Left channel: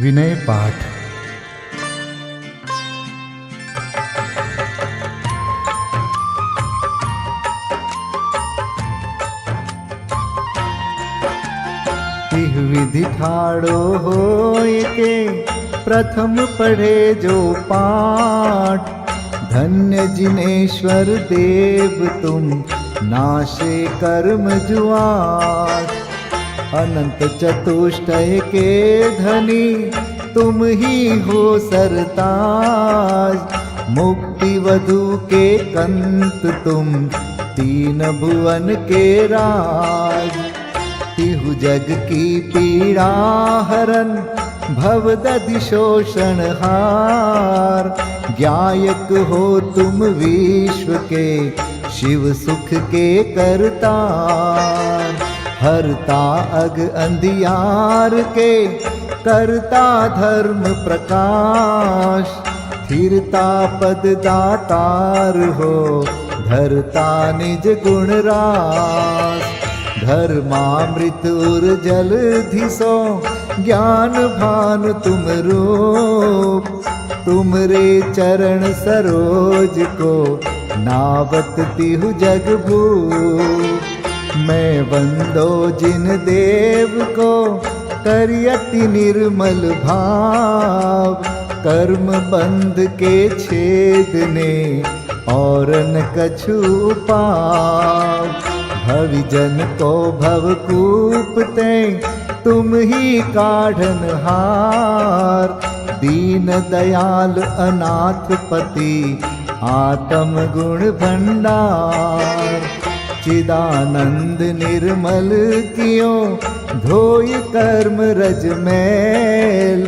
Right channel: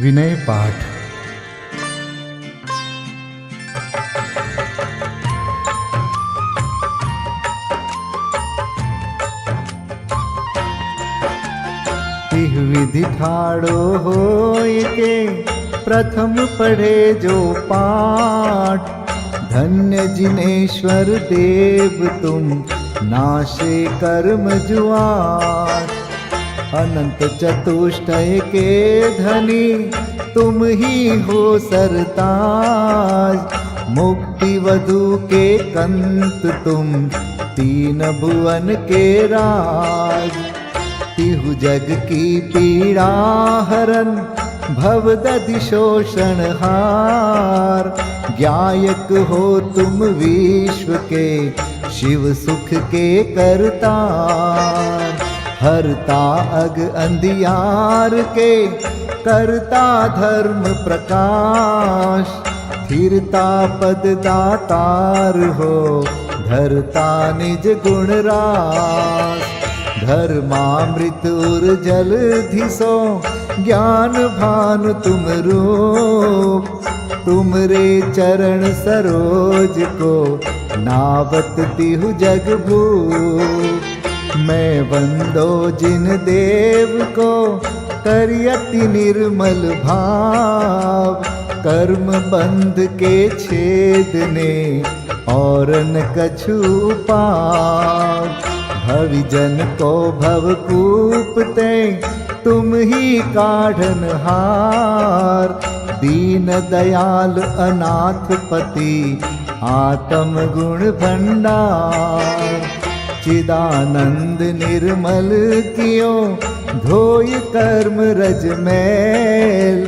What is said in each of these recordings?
विनय पाठ। तिह विधि ठाड़ो होय के प्रथम पढ़े जो पाठ। धन्य जिनेश्वर देव तुम नाशे कर्म जुआट। अनंत चतुष्टय के धनी तुम ही हो सरताज। मुक्ति वधु के कंत तुम तीन भुवन के राज। तिहु जग की पीड़ा हरन भवदधि शोषण हार। ज्ञायक हो तुम विश्व के शिव सुख के करतार। हरता अग अंधियार के करता धर्म प्रकाश। स्थिरता पद दातार हो धरता निज गुण रास। धर्मामृत उर जल धिसो ज्ञान भानु तुम रूप। तुमरे चरण सरोज को नावत तिहु जग भूप। मैं वंदो जिन देव को करियति निर्मल भाव। कर्म बंध के छेदने और न कछु पाव। भविजन को भवकूपते तुम ही काढ़न हार। दीन दयाल अनाथ पति आत्म गुण भंडार। चिदानंद निर्मल कियो धोय कर्म रज मैल।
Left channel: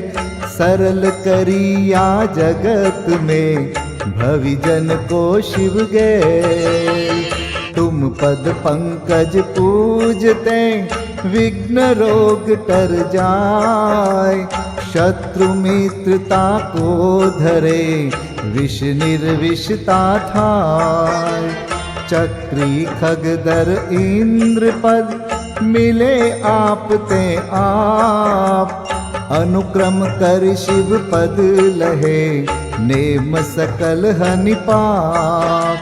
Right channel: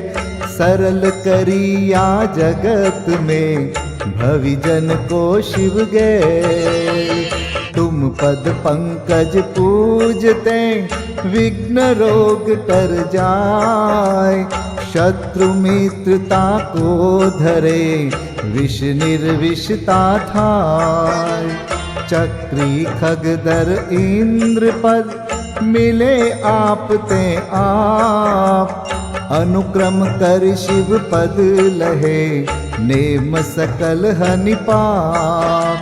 सरल करिया जगत में भविजन को शिव गैल। तुम पद पंकज पूजते विघ्न रोग तर जाय। शत्रु मित्रता को धरे विष निर्विषता थाय। चक्री खगदर इंद्र पद मिले आप ते आप। अनुक्रम कर शिव पद लहे नेम सकल हनि पाप।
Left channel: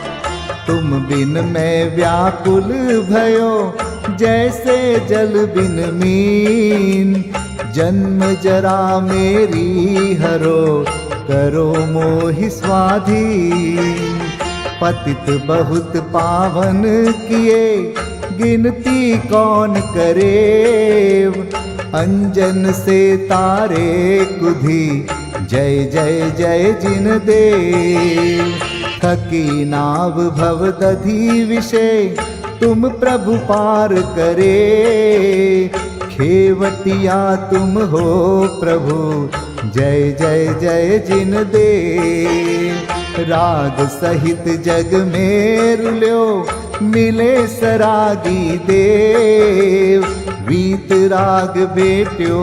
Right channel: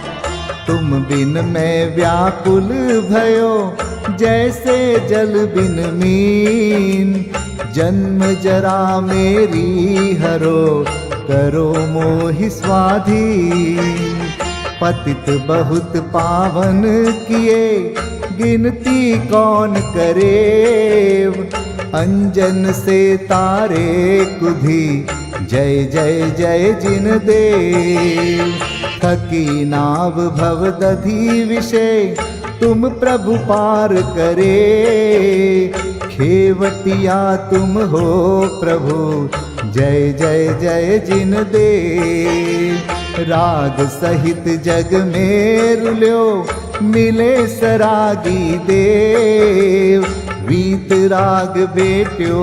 तुम बिन मैं व्याकुल भयो जैसे जल बिन मीन। जन्म जरा मेरी हरो करो मोहि स्वाधीन। पतित बहुत पावन किए गिनती कौन करे। अंजन से तारे कुधी जय जय जय जिन देव। थकी नाव भवदधि विषय तुम प्रभु पार करे। खेवटिया तुम हो प्रभु जय जय जय जिन देव। राग सहित जग में रुल्यो मिले सरागी देव। वीत राग बेट्यो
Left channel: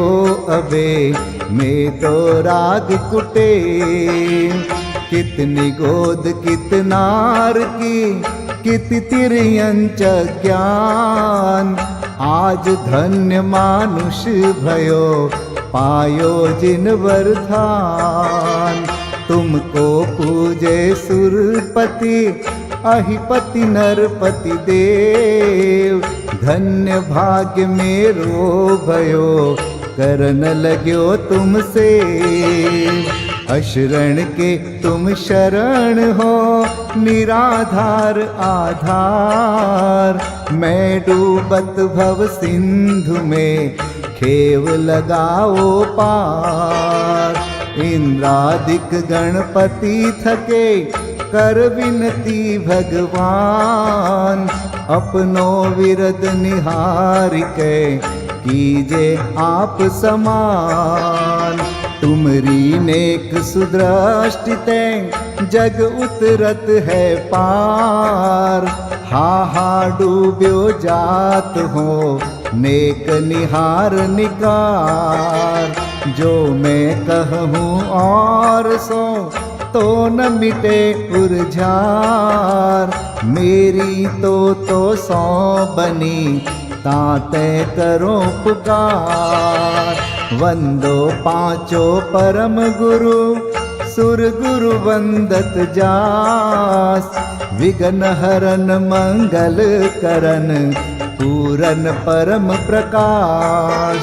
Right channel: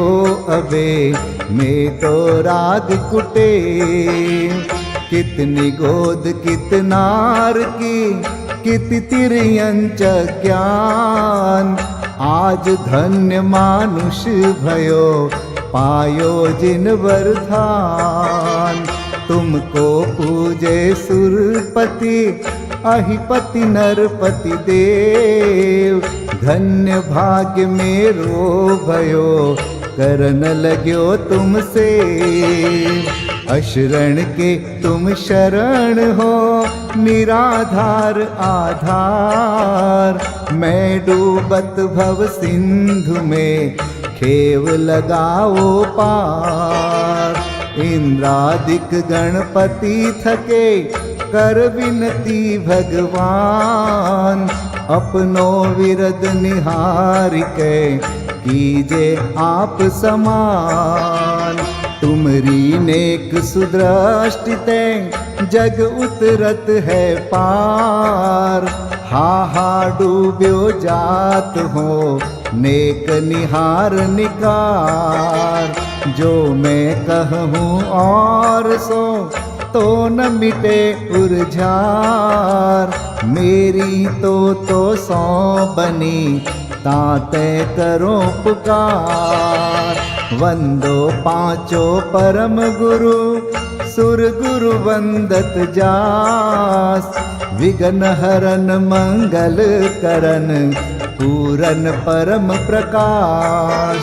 अबे में तो राग कुटे। कितनी गोद कितनार की कित तिर्यंच ज्ञान। आज धन्य मानुष भयो पायो जिन वरदान। तुमको पूजे सुरपति अहिपति नरपति देव। धन्य भाग्य मेरो भयो करन लग्यो तुमसे। अशरण के तुम शरण हो निराधार आधार। मैं डूबत भव सिंधु में खेव लगाओ पार। इंद्रादिक गणपति थके कर विनती भगवान। अपनो विरद निहार के कीजे आप समान। तुमरी नेक सुदृष्टिते जग उतरत है पार। हा डूब्यो जात हो नेक निहार निकार। जो मैं कहूँ और सो तो न मिटे उर्जार। मेरी तो सौ बनी ताते करो पुकार। वंदो पांचों परम गुरु सुर गुरु वंदत जास। विघ्न हरन मंगल करन पूरन परम प्रकाश।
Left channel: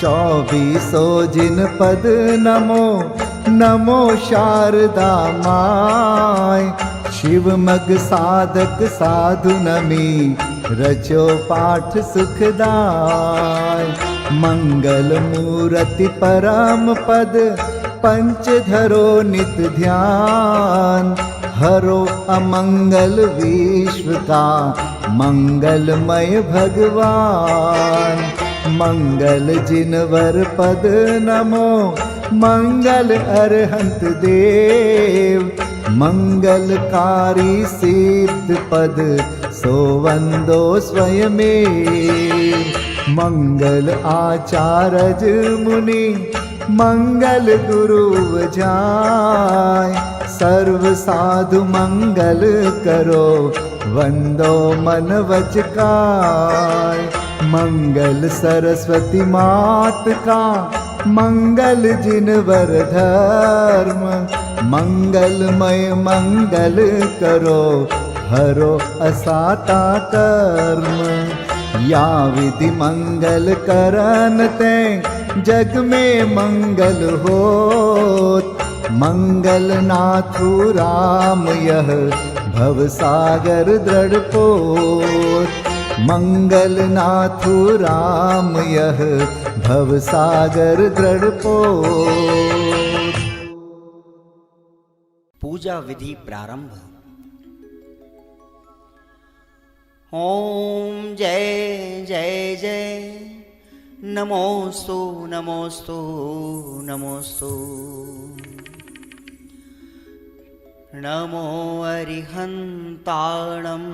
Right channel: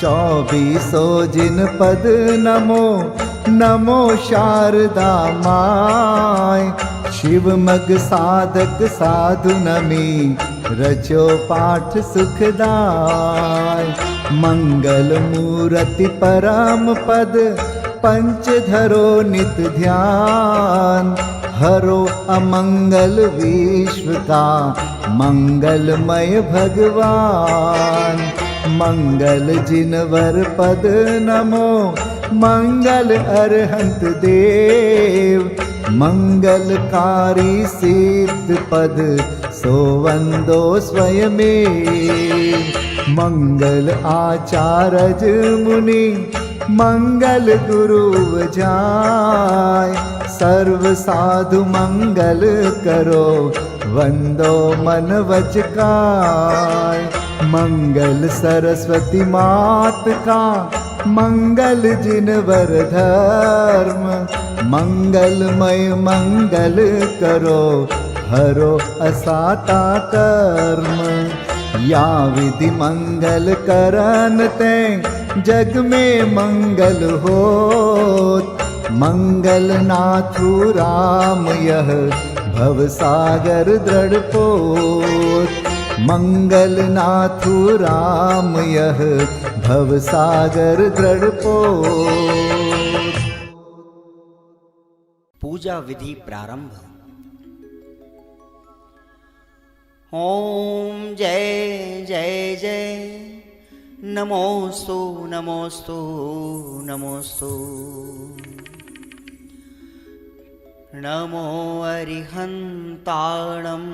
24 जिन पद नमो नमो शारदा माय। शिव मग साधक साधु नमी रचो पाठ सुखदाय। मंगल मूर्ति परम पद पंच धरो नित ध्यान। हरो अमंगल विश्व का मंगलमय भगवान। मंगल जिनवर पद नमो मंगल अरहंत देव। मंगलकारी सिद्ध पद सोवंदो स्वयमेव। मंगल आचारज मुनि मंगल गुरु जाय। सर्व साधु मंगल करो वंदो मन वच काय। मंगल सरस्वती मात का मंगल जिनवर धर्म। मंगलमय मंगल करो हरो असाता कर्म। या विधि मंगल करन ते जग में मंगल होत। मंगल नाथु राम यह भव सागर दृढ़ पोत। मंगल नाथु राम यह भव सागर दृढ़ पोत। पूजा विधि प्रारंभ। ओम जय जय जय नमोस्तु नमोस्तु नमोस्तु। नमो अरिहन्ताणं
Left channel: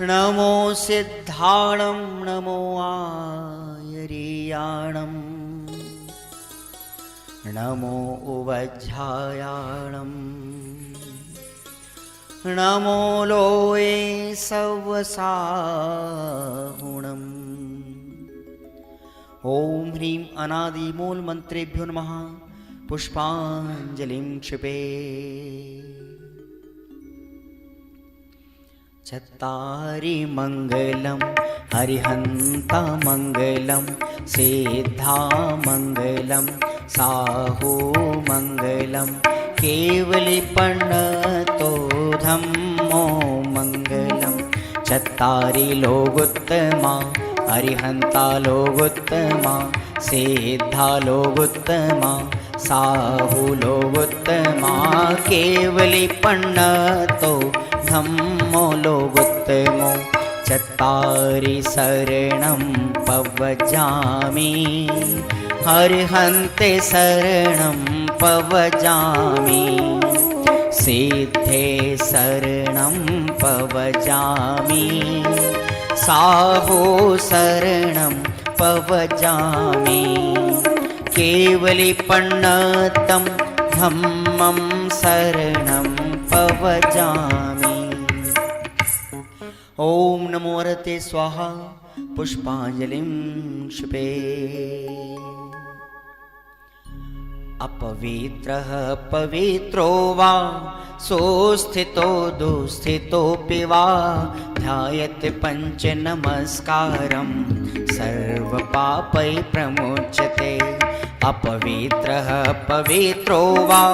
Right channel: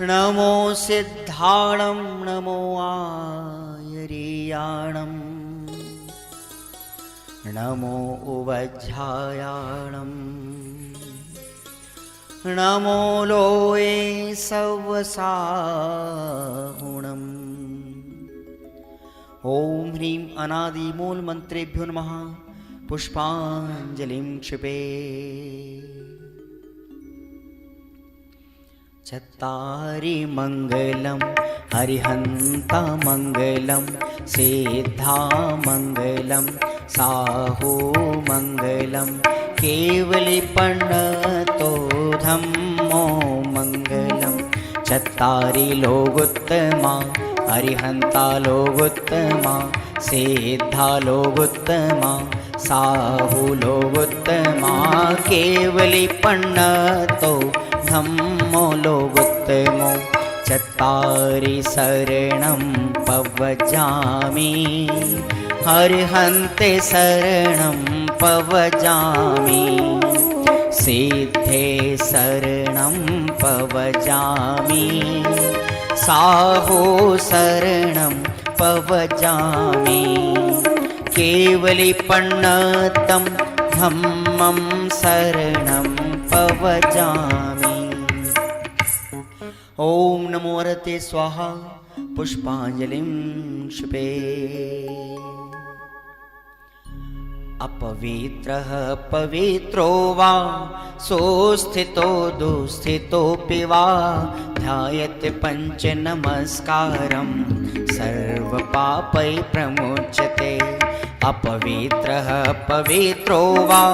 नमो सिद्धाणं नमो आयर्याणं नमो उवज्झायाणं नमो लोये सवसाहुणम्। ओम ह्रीं अनादि मूल मंत्रेभ्यो नमः। पुष्पांजलिं क्षिपे। चत्तारि मंगलम हरिहंता मंगलम सिद्धा मंगलम साहू मंगलम केवलिपन्नतो धम्मो मंगलम। चत्तारि लोगोत्तमा हरिहंता लोगोत्तमा सिद्धा लोगोत्तमा साहू लोगोत्तमा केवलिपन्नतो धम्मो लोगोत्तमो। चत्तारि शरणं पवजामि हरिहन्ते शरणं पवजामि। सिद्धे शरणं पवजामि साहो शरणं पवजामि। केवलिपन्नतं धम्मं शरणं पवजामि। ओम नमो हरते स्वाहा। पुष्पांजलिं क्षिपे। अपवित्रः पवित्रो वा सोस्थितो दुस्थितोऽपि वा ध्यायते पंच नमस्कारं सर्वपापै प्रमुच्यते। अपवित्रः पवित्रो वा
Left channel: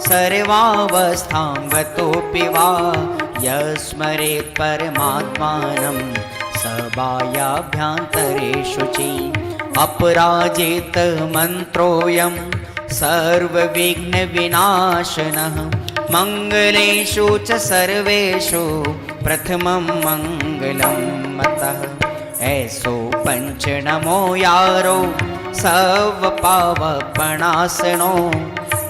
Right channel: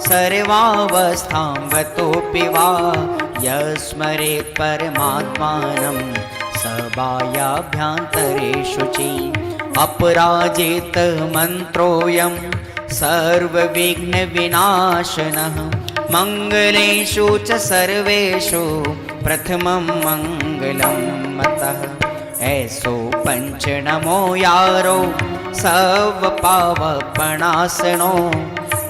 सर्वावस्थां गतोऽपि वा यस्मरेत् परमात्मानं सबायाभ्यन्तरेषु च। अपराजित मन्त्रोऽयं सर्वविघ्नविनाशनः मंगलेषु च सर्वेषु प्रथमं मंगलं मतः। ऐसो पंच नमो यारो सर्वपावपणासनो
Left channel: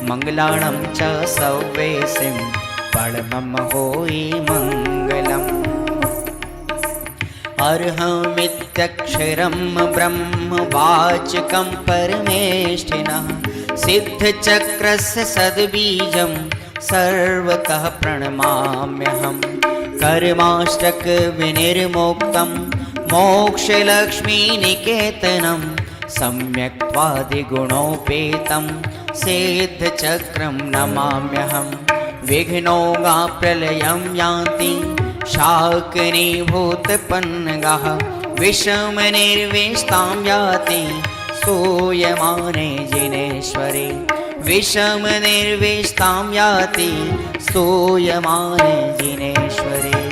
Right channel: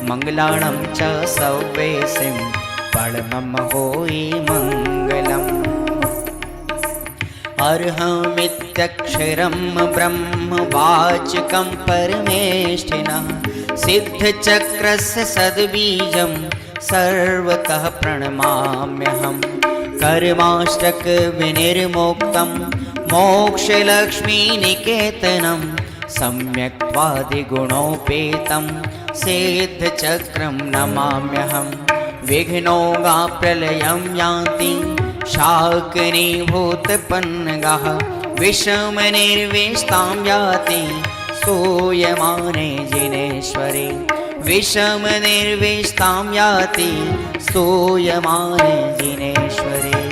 मंगलाणं च सव्वेसिं परमं होई मंगलम्। अर्हमित्यक्षरं ब्रह्म वाचकं परमेष्ठिनः सिद्धचक्रस्य सद्बीजं सर्वतः प्रणमाम्यहम्। कर्माष्टक विनिर्मुक्तं मोक्षलक्ष्मीनिकेतनं सम्यक्त्वादिगुणोपेतं सिद्धचक्रं नमाम्यहं। विघ्नौघाप्रलयं यान्ति शाकिनीभूतपन्नगाः, विषमनिर्विष्टां याति स्तूयमाने जिनेश्वरे। विषमनिर्विष्टां याति स्तूयमाने जिनेश्वरे।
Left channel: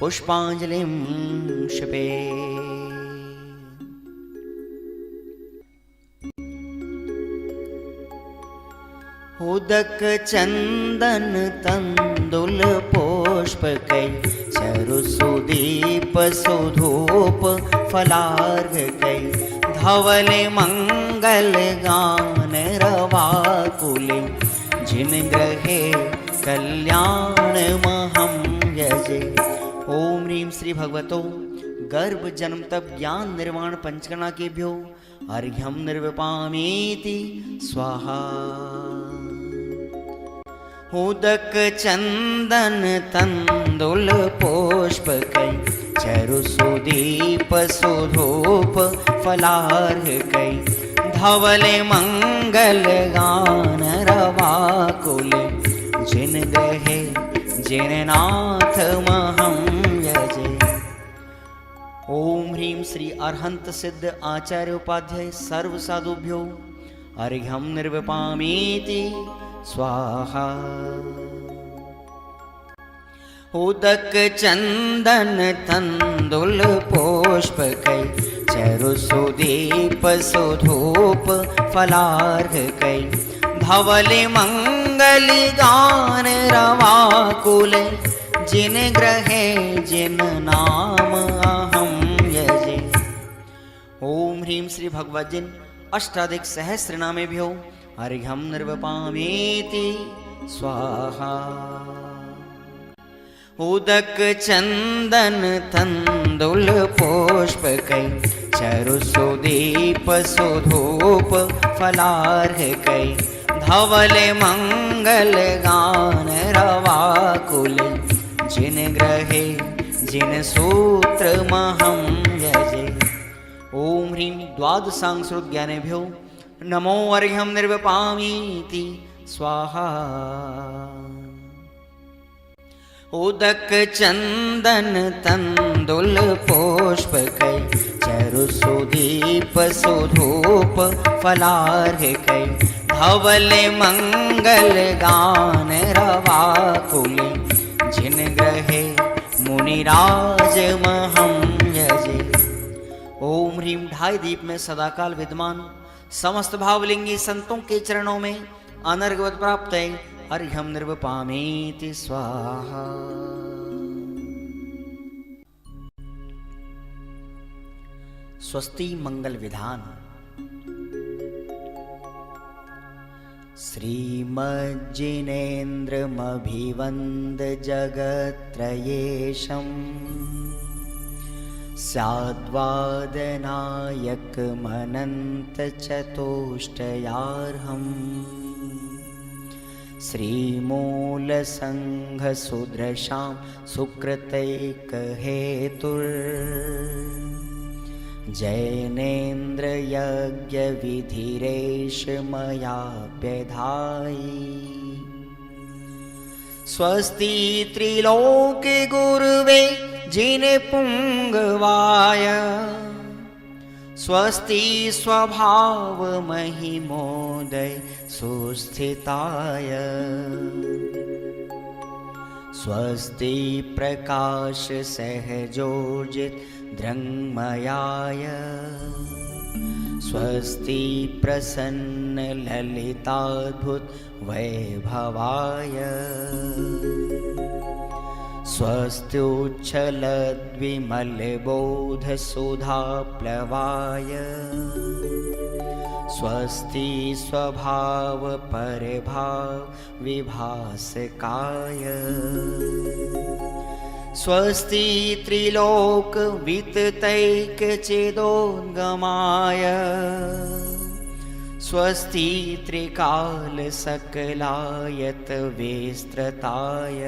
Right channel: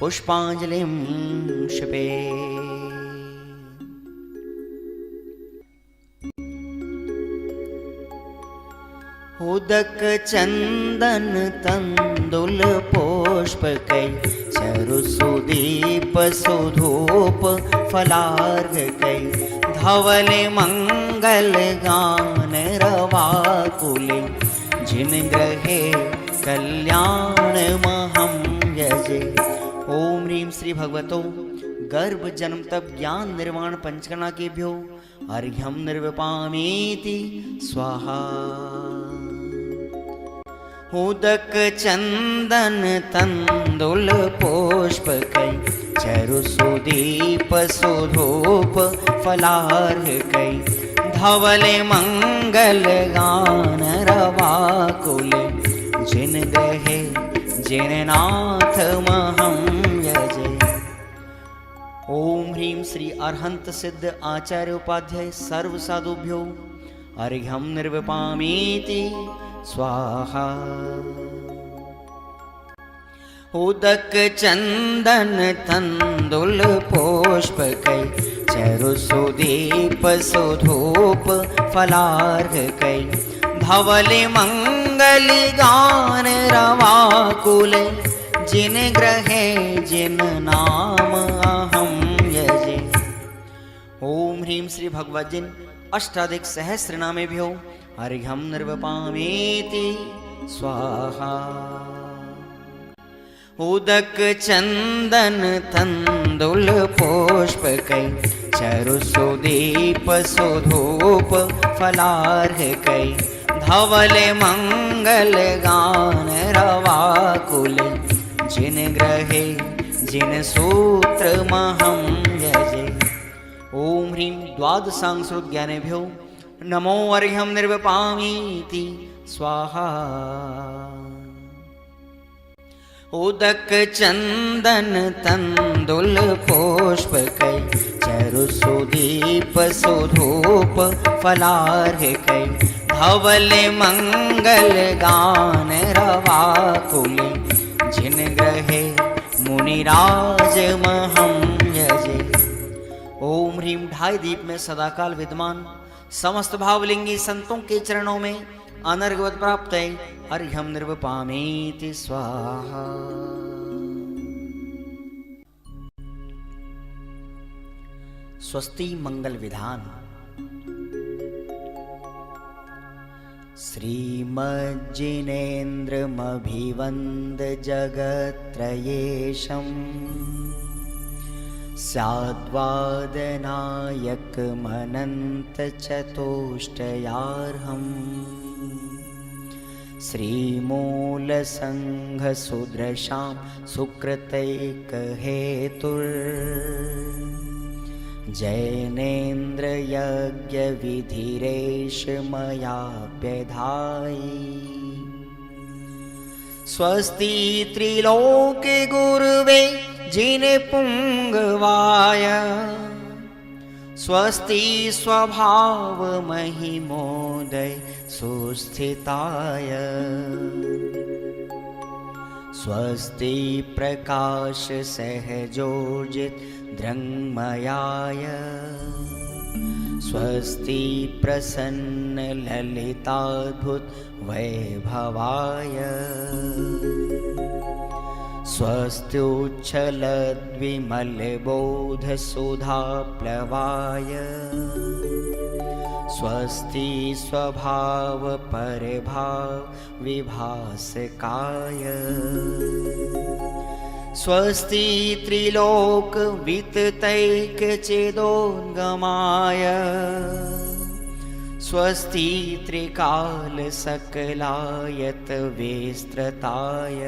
पुष्पाञ्जलिं क्षिपे। उदक चंदन तंदुल पुष्पकै चरुसुदीप सुधूप फलार्घकै धवल मंगल गान रवाकुले जिन ग्रहे कल्याण महं यजे। ओम ह्रीं श्री भगवतो गर्भ जन्म तप ज्ञान निर्वाण पंचकर्णा केभ्यो अर्घ्यं निर्विपामीति स्वाहा। उदक चंदन तंदुल पुष्पकै चरुसुदीप सुधूप फलार्घकै धवल मंगल गान रवाकुल जिन ग्रहे जिन नाथ महं यजे। ओम ह्रीं श्री अरहंत सिद्ध आचार्य उपाध्याय सर्व साधुभ्यो अर्घ्यं निर्विपामीति स्वाहा। उदक चंदन तंदुल पुष्पकै चरुसुदीप सुधूप फलार्घकै धवल मंगल गान रवाकुल जिन ग्रहे जिन नाम अहं यजे। ओम ह्रीं श्री भगवद्जिन अष्टाधिक सहस्र नामेभ्यो अर्घ्यं निर्विपामीति स्वाहा। उदक चंदन तंदुल पुष्पकै चरुसुदीप सुधूप फलार्घकै धवल मंगल गान रवाकुल जिन ग्रहे जिन सूत्र महं यजे। ओम ह्रीं द्वादशांग ज्ञानेभ्यो नमो अर्घ्यं निर्विपामीति स्वाहा। उदक चंदन तंदुल पुष्पकै चरुसुदीप सुधूप फलार्घकै धवल मंगल गान रवाकुल जिन ग्रहे मुनिराज महं यजे। ओम ह्रीं ढाई दीप में सदाकाल विद्यमान समस्त भावलिंगी संतों के चरणों में अनर्घवत प्राप्त है अर्घ्यं निर्विपामीति स्वाहा। स्वस्ति मंगल विधान। श्रीमज्जिनेन्द्रमभिवन्द जगत्त्रयेशम् स्याद्वादनायकमनन्तचतुष्टयार्हम् श्रीमूलसङ्घसुदृशां सुकृतैकहेतुर् जैनेन्द्रयज्ञविधिरेष मयाप्यधायि। स्वस्ति त्रिलोके गुरुवे जिनपुङ्गवाय स्वस्ति स्वभाव महिमोदय सुस्थिताय स्वस्ति प्रकाश सहजोजित दृङ्मयाय स्वस्ति प्रसन्न ललिताद्भुत वैभवाय स्वस्त्युच्छलद्विमलबोधसुधाप्लवाय स्वस्ति स्वभाव परभाव विभासकाय स्वस्ति त्रिलोक विततैकचेदोद्गमाय स्वस्ति त्रिकाल सकलायत विस्तृताय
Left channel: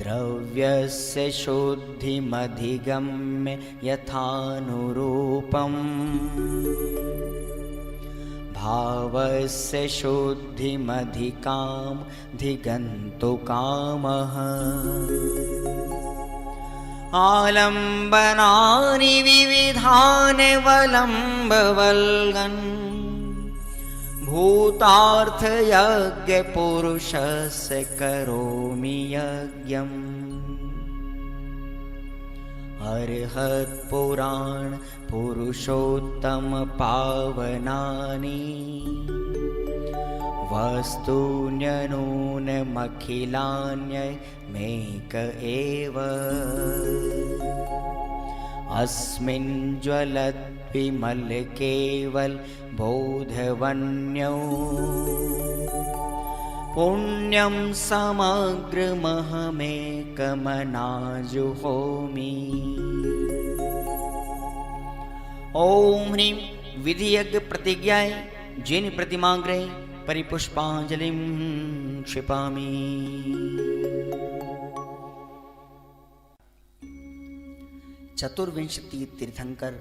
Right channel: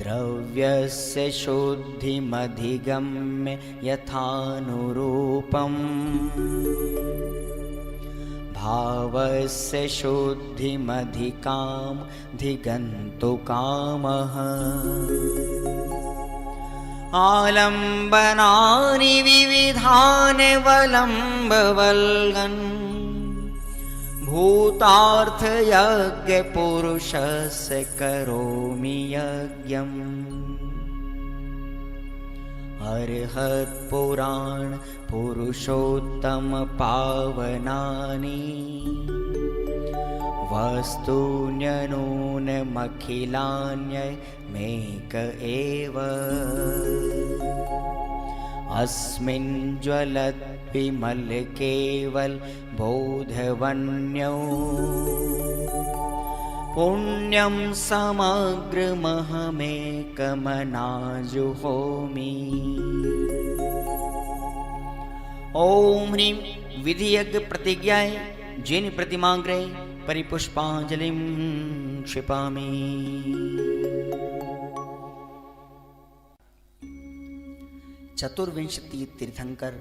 द्रव्यस्य शुद्धिमधिगम्य यथानुरूपम् भावस्य शुद्धिमधिकाम् धिगन्तु कामः आलम्बनानि विविधानि वलम्बवल्गन् भूतार्थयज्ञपुरुषस्य करोमि यज्ञम् अर्हत्पुराण पुरुषोत्तम पावनानि वस्तून्यनूनमखिलान्यमेक एव अस्मिन् ज्वलद्विमल केवल बोधवन्यो पुण्यं समग्रमहमेकमनाजुहोमि। ओम ह्रीं विधियज्ञ प्रतिज्ञाय जिन प्रतिमाग्रे परिपुष्पांजलिं क्षिपामि। चतुर्विंशति तीर्थंकर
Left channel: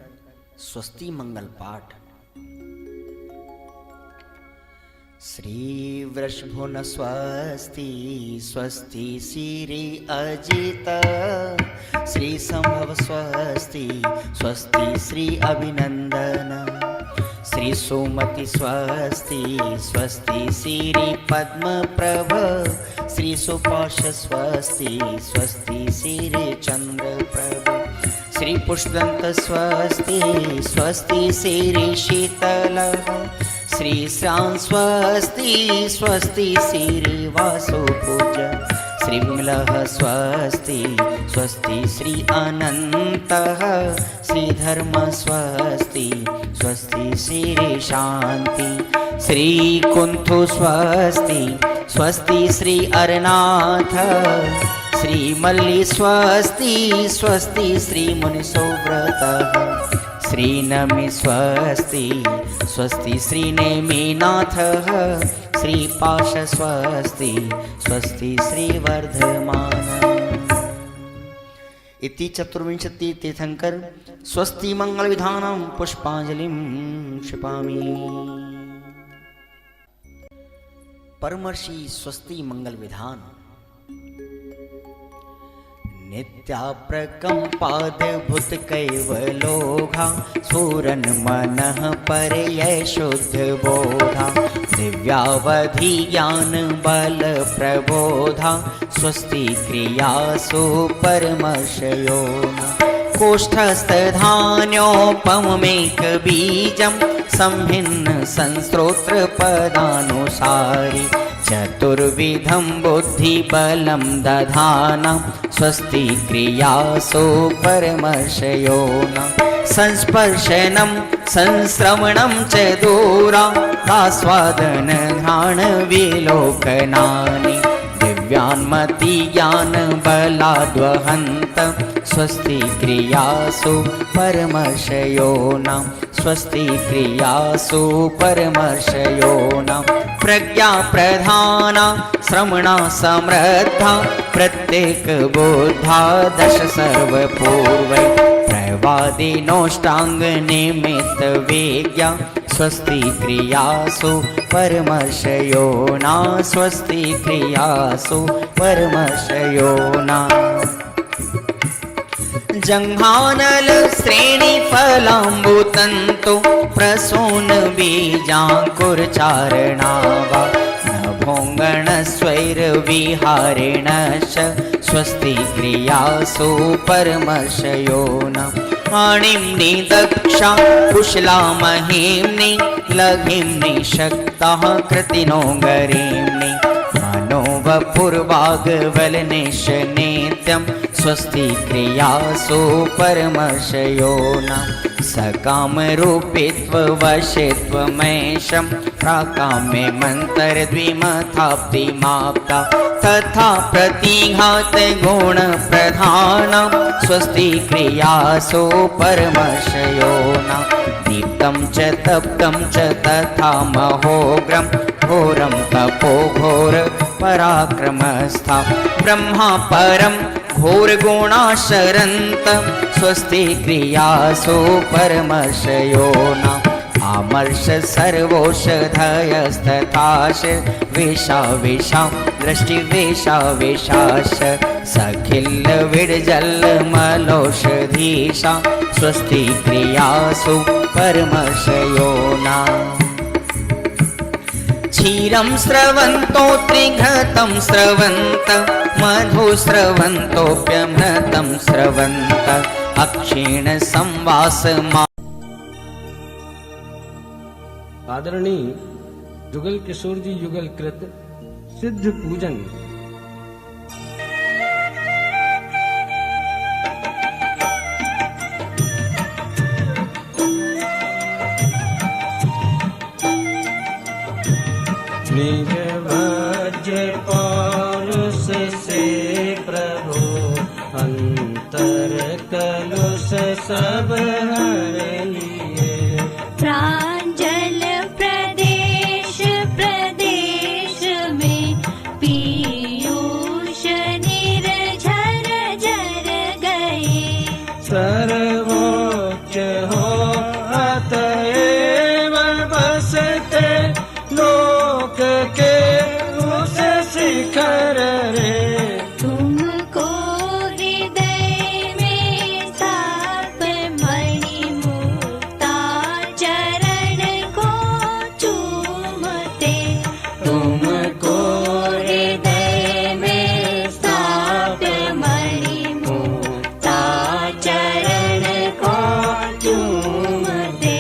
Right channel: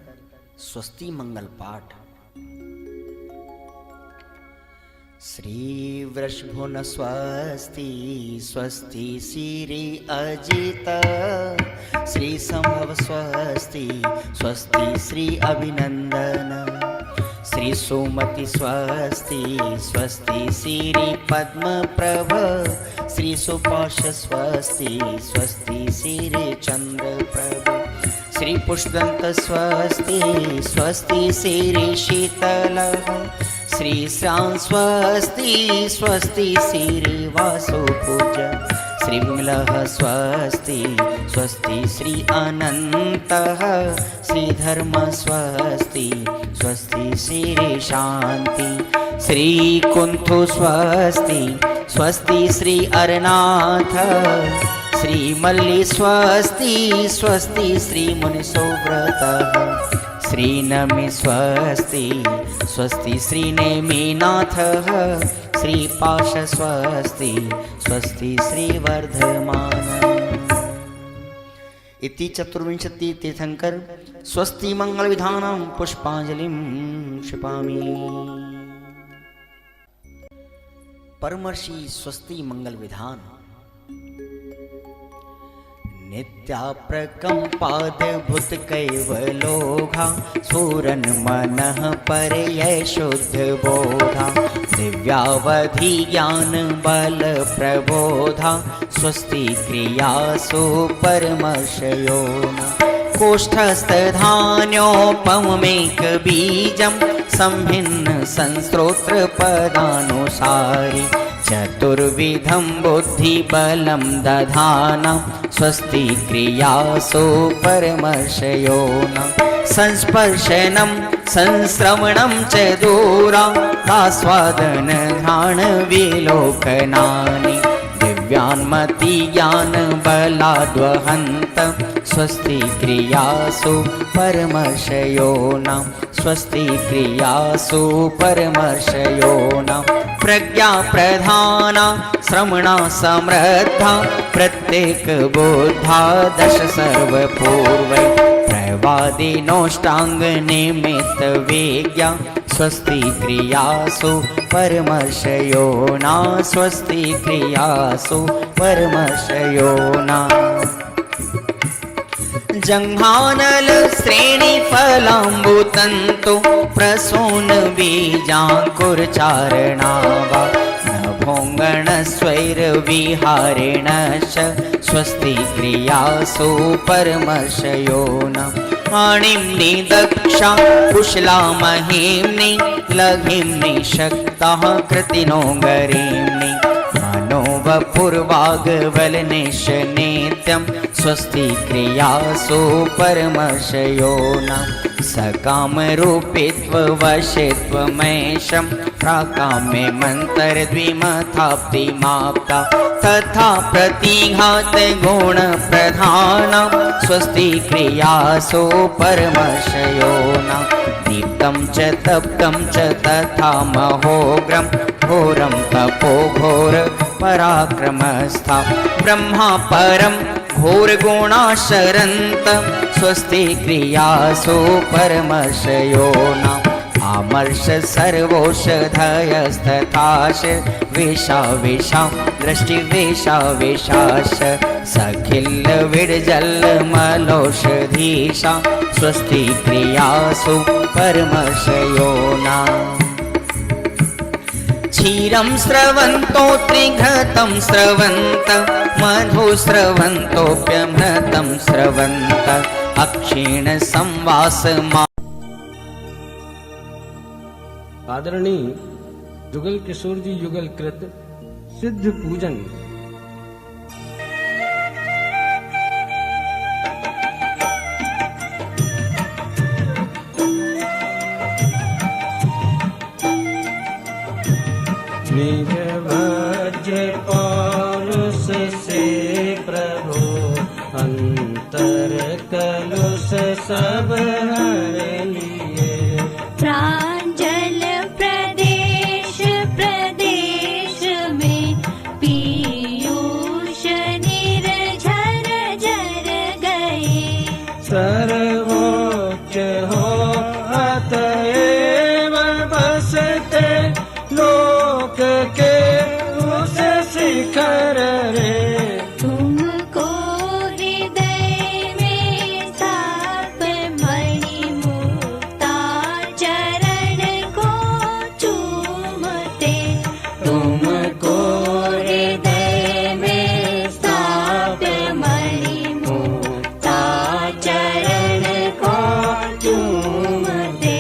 स्वस्ति मंगल पाठ। श्री वृषभुन स्वस्ति स्वस्ति श्री अजित श्री संभव स्वस्ति स्वस्ति श्री अभिनंदन श्री सुमति स्वस्ति स्वस्ति श्री पद्म प्रभ श्री सुपाश स्वस्ति स्वस्ति श्री चंद्र प्रभ श्री पुष्पदंत स्वस्ति स्वस्ति श्री शीतल श्री श्याम स्वस्ति स्वस्ति श्री वासुपूज श्री विमलः स्वस्ति स्वस्ति श्री अनन्तः श्री धर्म स्वस्ति स्वस्ति श्री शांति श्री कुंथु स्वस्ति स्वस्ति श्री अरनाथ श्री मल्ली स्वस्ति स्वस्ति श्री मुनिसोव्रतः श्री नमि स्वस्ति स्वस्ति श्री नेमिनाथः श्री पाश स्वस्ति स्वस्ति श्री वर्धमान। इति चतुर्विंशति तीर्थंकर स्वस्ति मंगल विधानं पुष्पांजलिं क्षिपामि। परमर्षि स्वस्ति मंगल विधान। नित्याप्रकम्पाद्भुत कैवलोघा सूरन मनः परयै शुद्ध बोधा दिव्यावधि ज्ञान बल प्रबोधा स्वस्ति क्रियासु परमर्षयोना कोष्ठस्थधान्योपमेक बीजं संभिन्न संस्रोत्र पदानुसारि चतुर्विधं बुद्धिबलं दधाना स्वस्ति क्रियासु परमर्षयोना संस्पर्शनं संश्रवणं च दूरादास्वादन घ्राण विलोकनानि दिव्यान्मति ज्ञान बलाद्वहन्त स्वस्ति क्रियासु परमर्षयोना स्वस्ति क्रियासु परमर्षयोना प्रज्ञा प्रधाना श्रवणा समृद्धा प्रत्येक बोधा दश सर्वपूर्वै प्रवादिनोष्टांग निमित्त वेज्ञा स्वस्ति क्रियासु परमर्षयोना स्वस्ति क्रियासु परमर्षयोना जंघानल श्रेणी फलाम्बुतंतु प्रसून बीजांकुरचारणावा नभोंगण स्वैर विहारेणश्च स्वस्ति क्रियासु परमर्षयोना आणिम्नि दक्षा कुशला महिम्नि लघिम्नि शक्ताः कृतिनो गरीम्नि मनोवपुर्वाग्वलनिश नित्यं स्वस्ति क्रियासु परमर्षयोना सकामरूपित्ववशित्वमेशं प्राकाम्ये मन्तरद्विमथाप्तिमाप्ता तथा प्रतिघात गुणप्रधानं स्वस्ति क्रियासु परमर्षयोना दीप्तं च तप्तं च तथा महोग्रं घोरं तपो घोर पराक्रमस्था ब्रह्मा परम घोर गुणाशरन्त स्वस्ति क्रियासु परमर्षयो न आमर्ष सर्वौषधयस्तथाश वेशा वेशा दृष्टि वेशा वेशाश सखिल विडजल मलौषधीशा स्वस्ति क्रियासु परमर्षयो न क्षीरं स्रवन्तो त्रिघतं स्रवन्त मधु स्रवन्तोऽप्यमृतं स्रवन्त अक्षीण संवास आदरणीय जुगल किशोर जी युगल कृत सिद्ध पूजन निज भज्य पौरुष से प्रभु अंतर कलुष सब हर लिए प्रांजल प्रदेश प्रदेश में पीयूष निर्झर झर गए सर्वोच्च हो अतएव बसते लोक के उस शिखर रे तुमको हृदय में स्थाप मणि मुक्ता चरण को चूमते तुमको हृदय में स्थाप मणि मुक्ता चरण को चूमते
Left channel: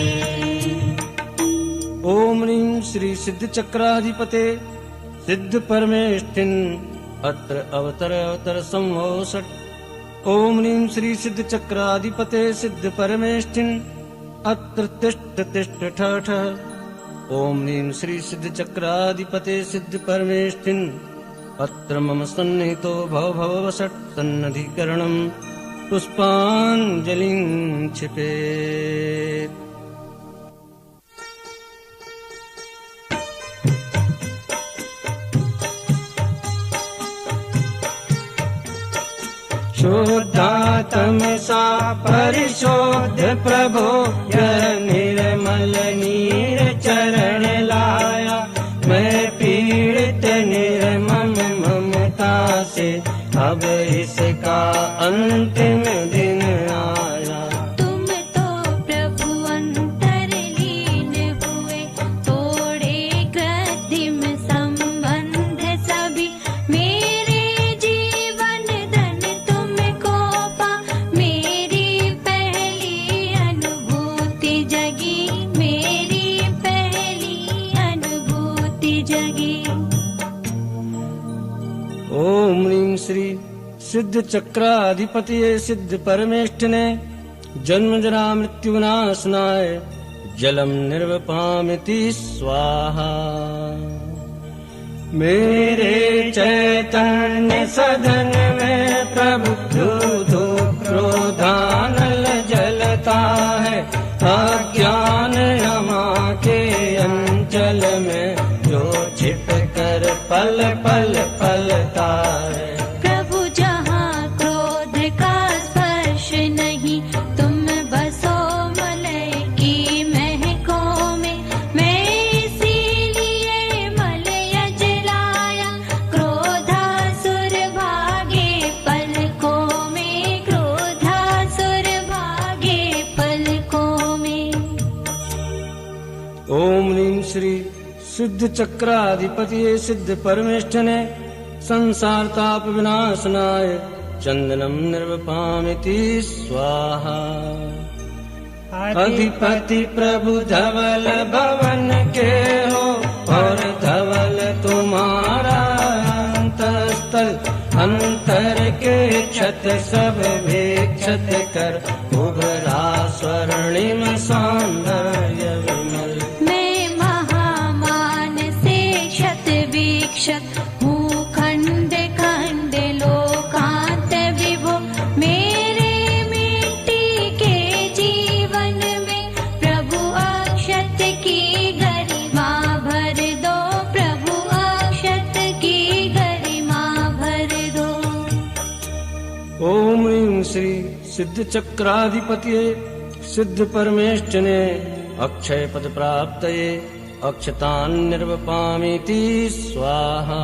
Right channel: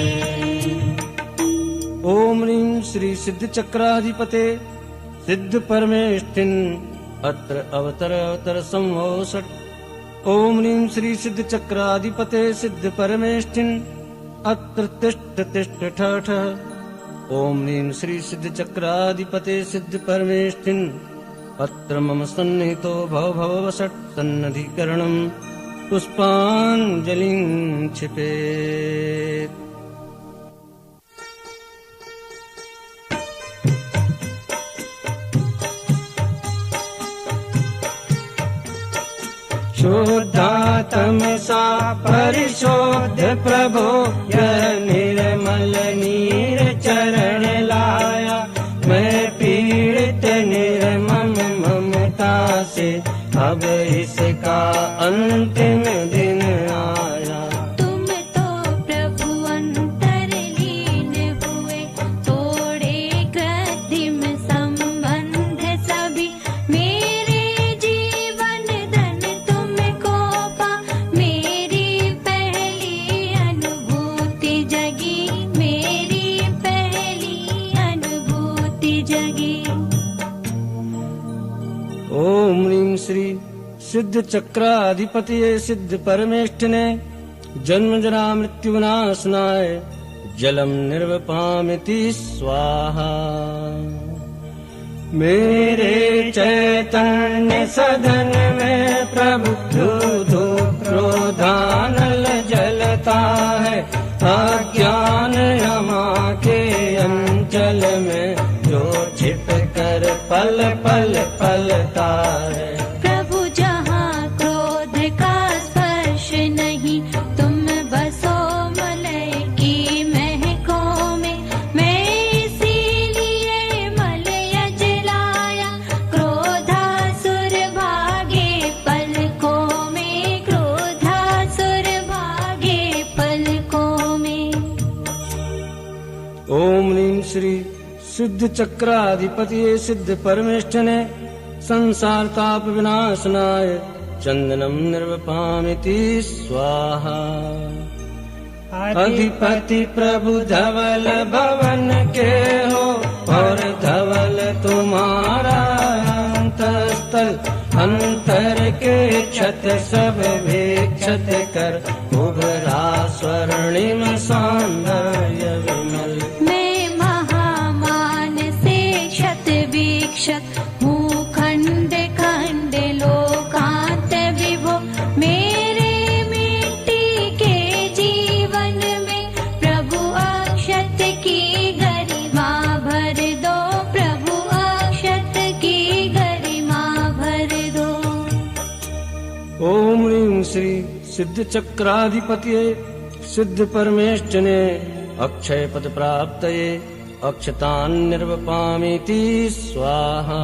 ओम ह्रीं श्री सिद्ध चक्राधिपते सिद्ध परमेष्ठिन अत्र अवतर अवतर संभो षट् ओम ह्रीं श्री सिद्ध चक्राधिपते सिद्ध परमेष्ठिन अत्र तिष्ठ तिष्ठ ठ ठ ओम ह्रीं श्री सिद्ध चक्राधिपते सिद्ध परमेष्ठिन अत्र मम सन्निहितो भव भव वषट् सन्नधिकरणं पुष्पाञ्जलिं क्षिपेत् शुद्धात्मसा परिशोध प्रभो यह निर्मल नीर चरण लाया मैं पीड़ित निर्मम ममता से अब इसका अंतिम दिन आया तुम तो प्रभु अंतरलीन हुए तोड़े कृत्रिम संबंध सभी मेरे जीवन धन तुमको पा मेरी पहली अनुभूति जगी मेरी पहली अनुभूति जगी ओम ह्रीं श्री सिद्ध चक्राधिपति सिद्ध परमेष्ठिने जन्म जरा मृत्यु विनाशनाय जलम निर्वपामिति स्वाहा मेरे चैतन्य सदन में प्रभु धू क्रोधानल जलता है अज्ञान यमा के अंचल में जो छिप कर पल पल पलता है प्रभु जहाँ क्रोध का स्पर्श नहीं तुम बसो मलय की महकों में मैं इसीलिए मलय जलाया क्रोधासुर भागे पलकों में क्रोधासुर भागे पलकों में ओम ह्रीं श्री सिद्ध चक्राधिपति सिद्ध परमेष्ठिने संसार ताप विनाशनाय चंदनम निर्वपामिति स्वाहा अधिपति प्रभु धवल भवन के हो और धवल तुम्हारा अंतस्थल अंतर के क्षत सब विक्षत कर उभरा स्वर्णिम सौंदर्य विमल मैं महामान से क्षत विक्षत हूँ खंड खंड लोकांत विभो मेरे मिट्टी के जीवन में प्रभु अक्षत की गरिमा सिद्ध चक्राधिपति सिद्ध परमेष्ठिने अक्षय पद प्राप्तये अक्षतान् निर्वपामीति स्वाहा।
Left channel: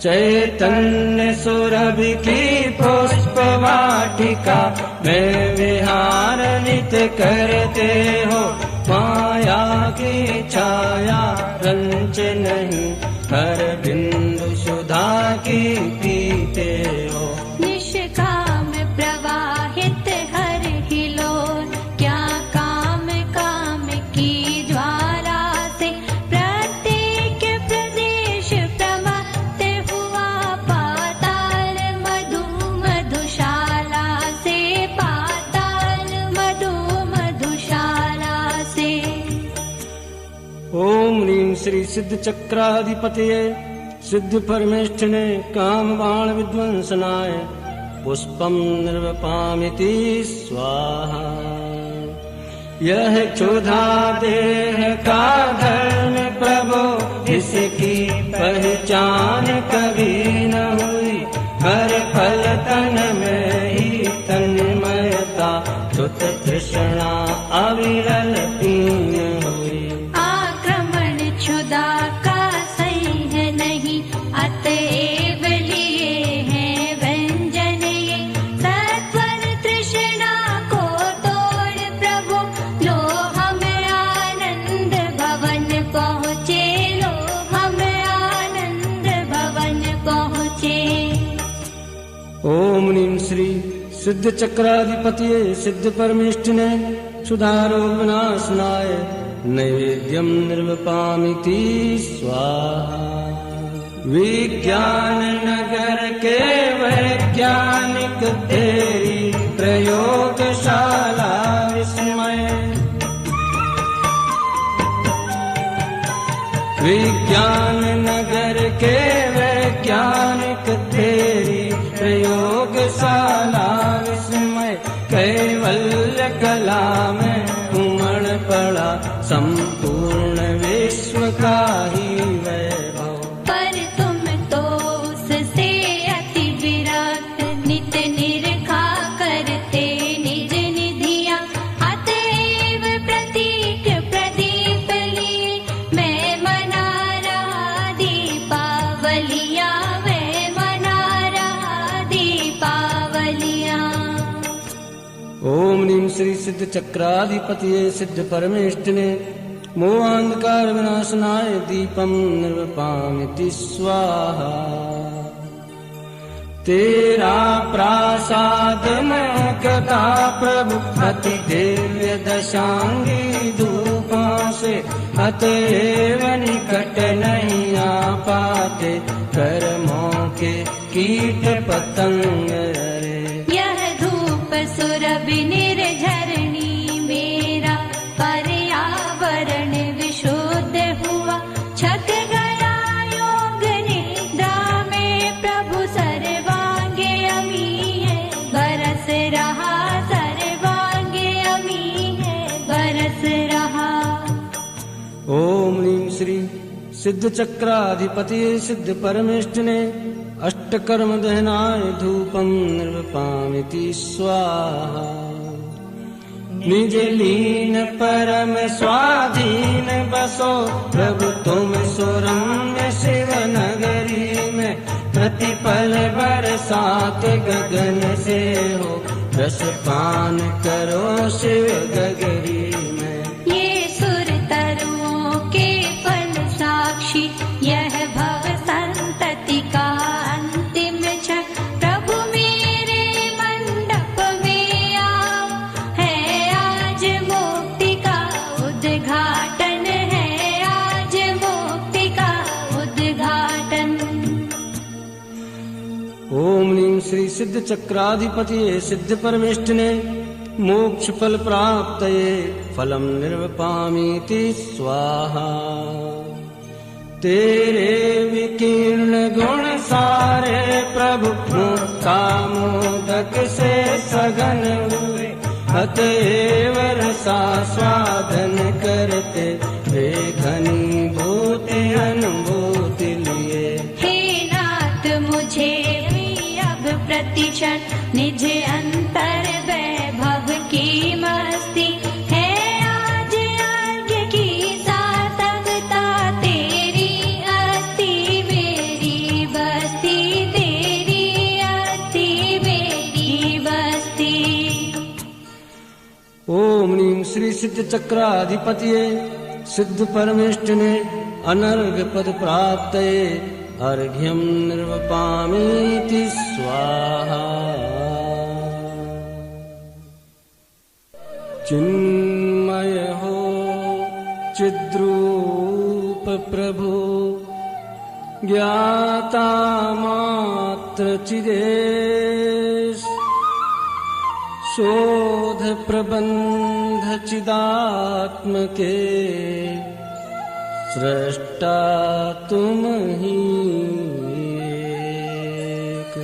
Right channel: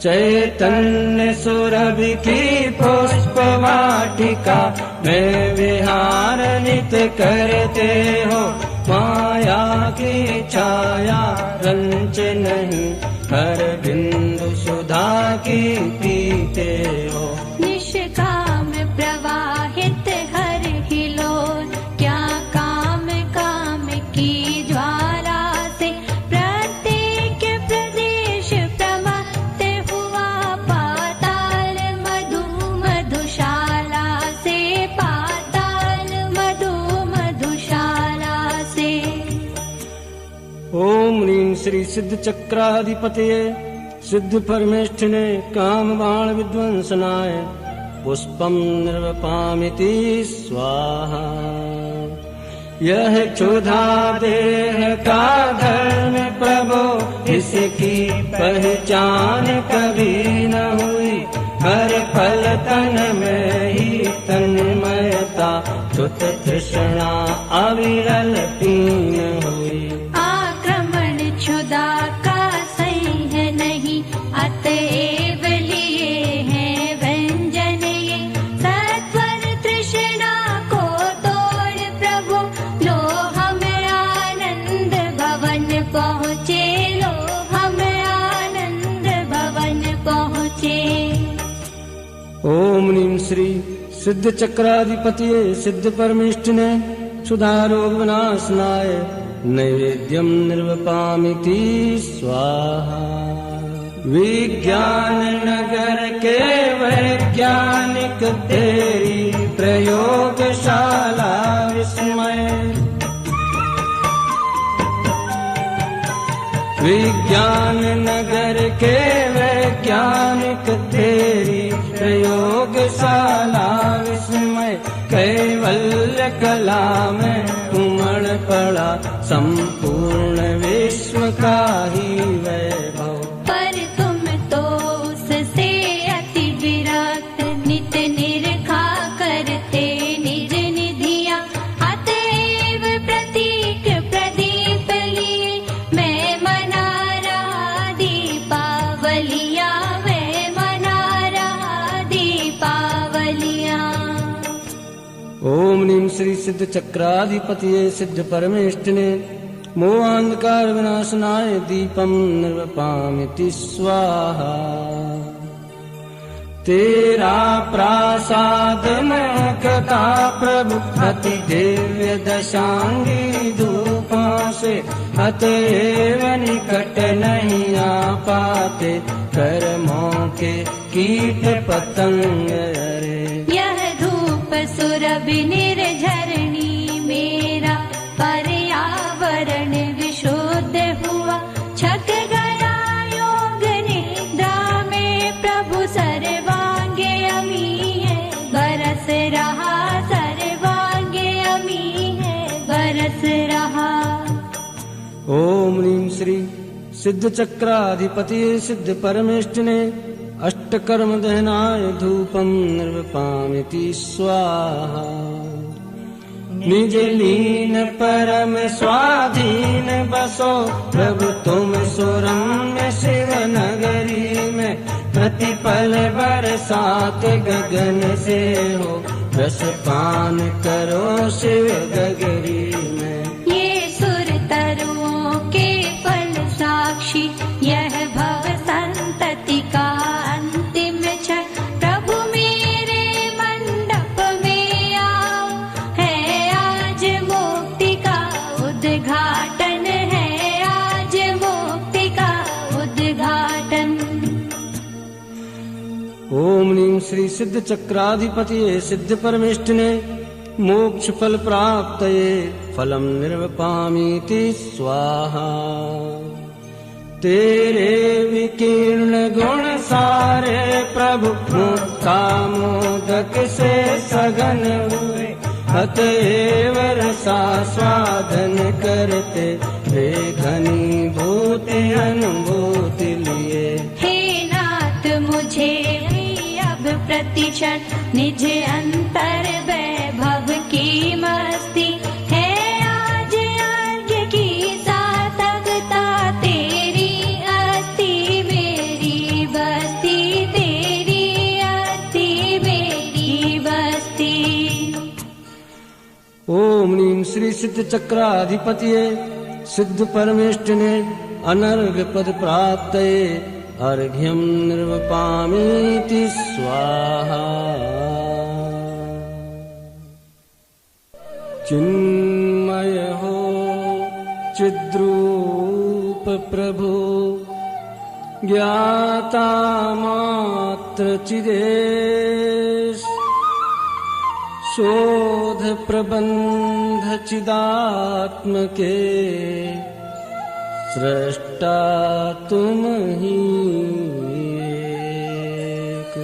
चैतन्य सुरभि की पुष्प वाटिका में विहार नित करते हो, माया की छाया रंच नहीं हर बिंदु सुधा की पीते हो। निष्काम प्रवाहित हर हिलोल, क्या काम काम की ज्वाला से प्रत्येक प्रदेश प्रवक्त हुआ पाताल मधु मधुशाला से, पाताल मधु मधुशाला से। ओम ह्रीं श्री सिद्ध चक्राधिपतये सिद्ध परमेष्ठिने काम बाण विध्वंसनाय पुष्पम निर्वपामिति स्वाहा। यह क्षुधा देह का धर्म प्रभो, इसकी पहचान कभी न हुई, हर पल तन में ही तन्मयता, चुत तृष्णा अविरल पीन हुई। आक्रमण क्षुधा का सही है नहीं, अतएव लिए हैं व्यंजन ये, सत्वर तृष्णा को तोड़ प्रभु, लो हम आनंद भवन पहुँचे, लो हम आनंद भवन पहुँचे। ओम ह्रीं श्री सिद्ध चक्राधिपति सिद्ध परमेष्ठिने क्षुधारोपनाशनाय नैवेद्यम निर्वपामिति स्वाहा। विज्ञान नगर के वैज्ञानिक तेरी प्रयोगशाला विस्मय, विज्ञान नगर के वैज्ञानिक तेरी प्रयोगशाला विस्मय, कैवल्य कला में उमड़ पड़ा संपूर्ण विश्व का ही वैभव। पर तुम तो उससे अति विरक्त, नित निरखा करते निज निधिया, अतएव प्रतीक प्रदीप लिए मैं मना रहा दीपावलिया, मैं मना रहा दीपावलिया। ओम ह्रीं श्री सिद्ध चक्राधिपति सिद्ध परमेष्ठिने मोहांधकार विनाशनाय दीपम निर्वपामिति स्वाहा। तेरा प्रसाद में कथा प्रभु अति दिव्य दशांगी धूपा से, अतएव निकट नहीं आ पाते कर्मों के कीट पतंग रे। यह धूप सुरभि निर्झरणी मेरा, पर्यावरण विशुद्ध हुआ, छक गया योग निद्रा में प्रभु, सर्वांगे अमी है बरस रहा, सर्वांगे अमी है बरस रहा। ओम ह्रीं श्री सिद्ध चक्राधिपति सिद्ध परमेष्ठिने अष्टकर्म दहनाय धूपम निर्वपामिति स्वाहा। निज लीन परम स्वाधीन बसो प्रभु तुम सुरम्य शिव नगरी में, प्रतिपल बरसात गगन से हो, रस पान करो शिव गगरी में। ये सुर तरुओं के फल साक्षी, यह भव संतति का अंतिम क्षण, प्रभु मेरे मंडप में आओ, है आज मुक्ति का उद्घाटन, है आज मुक्ति का उद्घाटन। ओम ह्रीं श्री सिद्ध चक्राधिपति सिद्ध परमेष्ठिने मोक्ष फल प्राप्तये फलम निर्वपामीति स्वाहा। तेरे विकीर्ण गुण सारे प्रभु मोदक से सघन हुए, अतएव रसास्वादन करते हे घनीभूति अनुभूति लिए। हे नाथ मुझे भी अब प्रति प्रतिशत निज अंतर वैभव की मस्ती है आज यज्ञ की सार्थकता तेरी हस्ती मेरी बस्ती तेरी हस्ती मेरी बस्ती। ओम ह्रीं श्री सिद्ध चक्राधिपतये सिद्ध परमेष्ठिने अनर्घ पद प्राप्तये अर्घ्यं निर्वपामीति स्वाहा। चिन्मय हो चिद्रूप प्रभु ज्ञाता मात्र चिदेश शोध प्रबंध चिदात्मके सृष्टा तुम ही एक।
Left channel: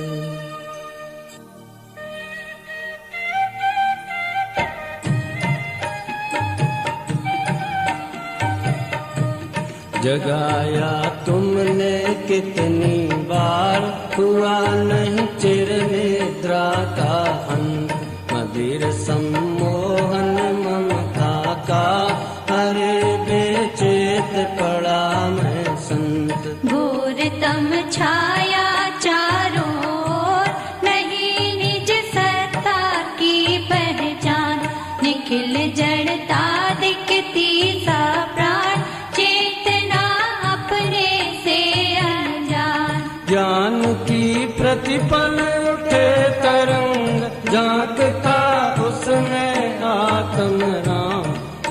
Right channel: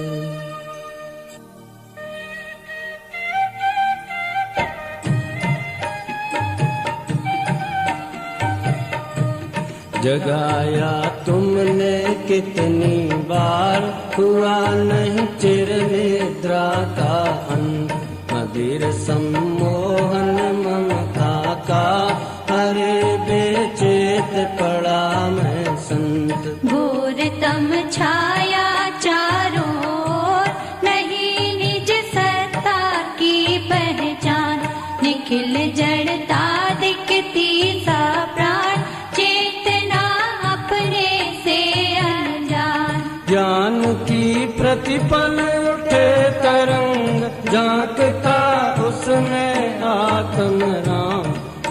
जगाया तुमने कितनी बार हुआ नहीं चिर निद्रा का अंत मदिर सम्मोहन ममता का अरे बेचेत पड़ा मैं संत। घोरतम छाया चारों ओर नहीं निज सत्ता की पहचान निखिल जड़ता दिखती सा प्राण चेतना अपने से अनजान। ज्ञान की प्रतिपल उठे तरंग झांकता उसमें आत्म राम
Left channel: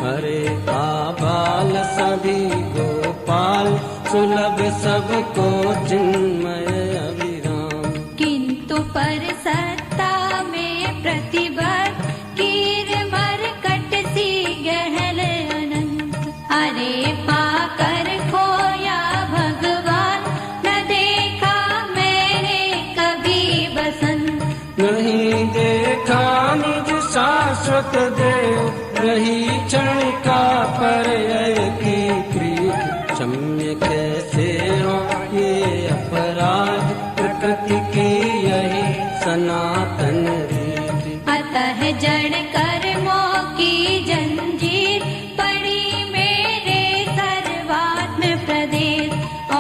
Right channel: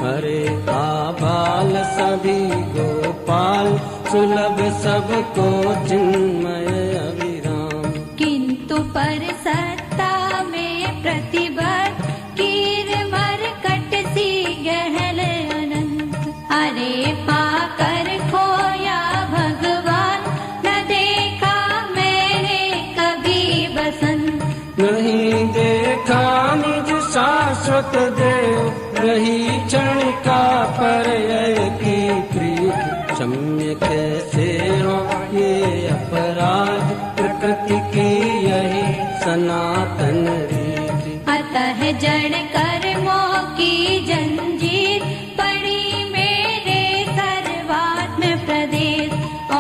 हरे का बाल सभी गोपाल सुलभ सबको चिन्मय अभिराम। किंतु पर सत्ता में प्रतिबद्ध कीर मरकट सी गहन अनंत अरे पाकर खोया भगवान न देखा मैंने कभी बसंत। नहीं देखा निज शाश्वत देव रही क्षणिका पर्यय की प्रिय क्षम्य कैसे हो ये अपराध प्रकृति की यही सनातन रीति। अतः जड़ कर्मों की जंजीर पड़ी मेरे सर्वात्म प्रदेश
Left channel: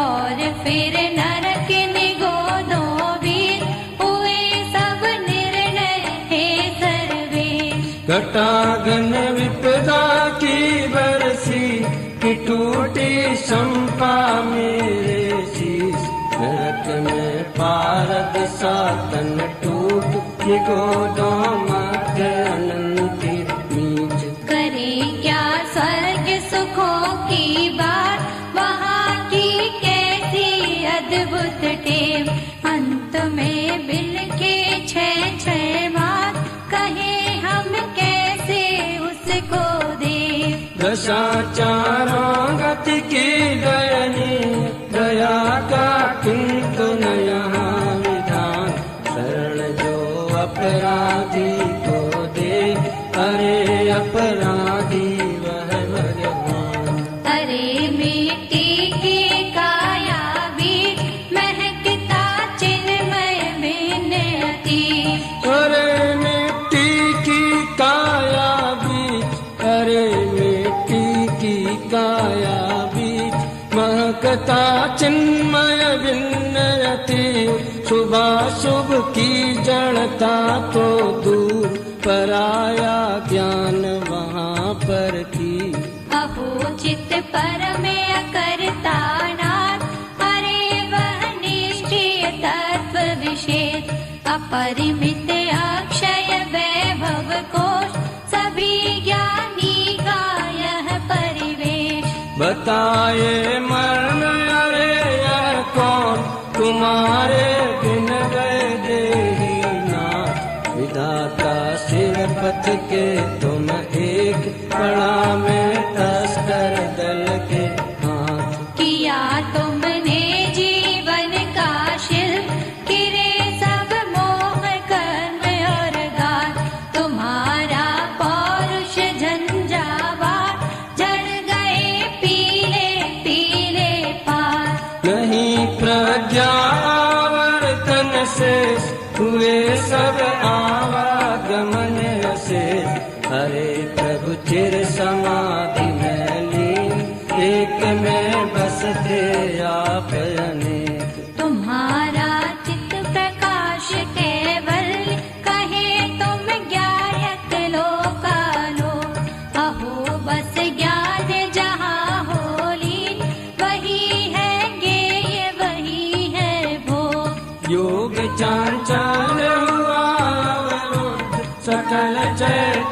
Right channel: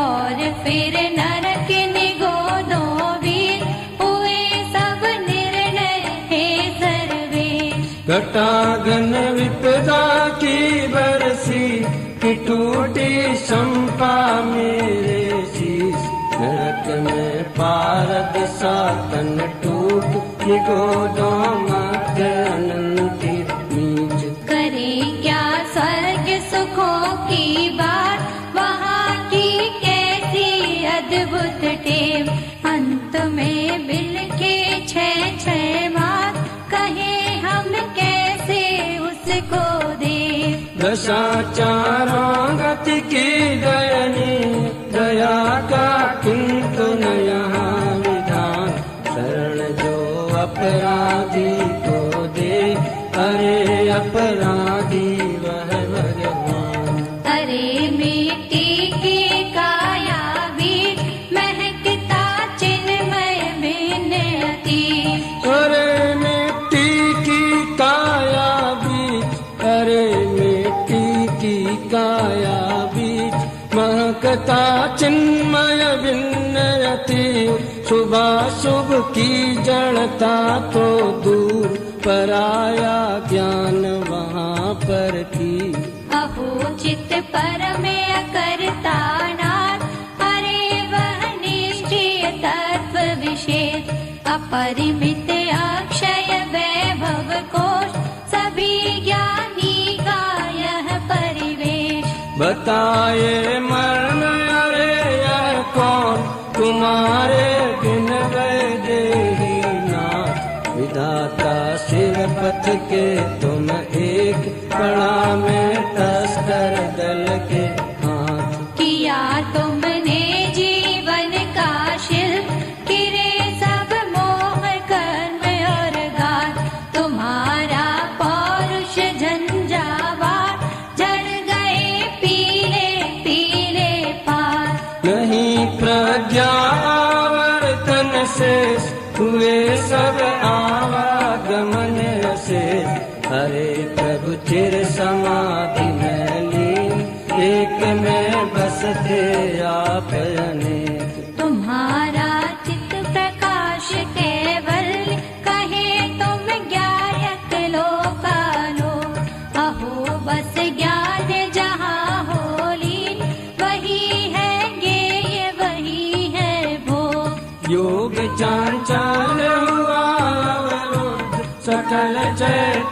और फिर नरक निगोदों वीर हुए सब निर्णय हे सर्वे। घटागन विपदा की बरसी कि टूटी शंपा मेरे शीश नरक में पारद सातन टूट कि गोदों मध्य अनंतित बीज। करे क्या स्वर्ग सुखों की बात वहाँ की कैसी अद्भुत टेव अंत में मिल के छह मास कहे हम कैसे उसको दे। दशा चारों गति की दयनी दया का किंतु न यहाँ विधान शरण जो अपराधी को दे अरे अपराधी वह भगवान। अरे मिट्टी की काया बीज महकता चिन्मय बिन अतीत। अरे मिट्टी की काया बीज अरे मिट्टी की काया बीज महकता चिन्मय विन्नयति शुभाशुभ की जड़ता को दूर पराया ज्ञान वहाँ पर थी। अपूजित परम अकर्ता नाथ अरे वह निश्चय तत्व विशेष अपरिमित अक्षय वैभव कोश सभी ज्ञानी का यह परिवेश। बताए मरण अरे यह कौन तुम्हारे बिन गए देही नाथ विधाता सिर पथ के तुम एक बड़ा में तस्कर दल के हाथ। किया तुमने जीवन का शिल्प किरे सब मोह कर्म और गात तुम्हारा पौरुष झंझावात जड़ गए पीले पीले पार। नहीं प्रज्ञावर्तन से हुए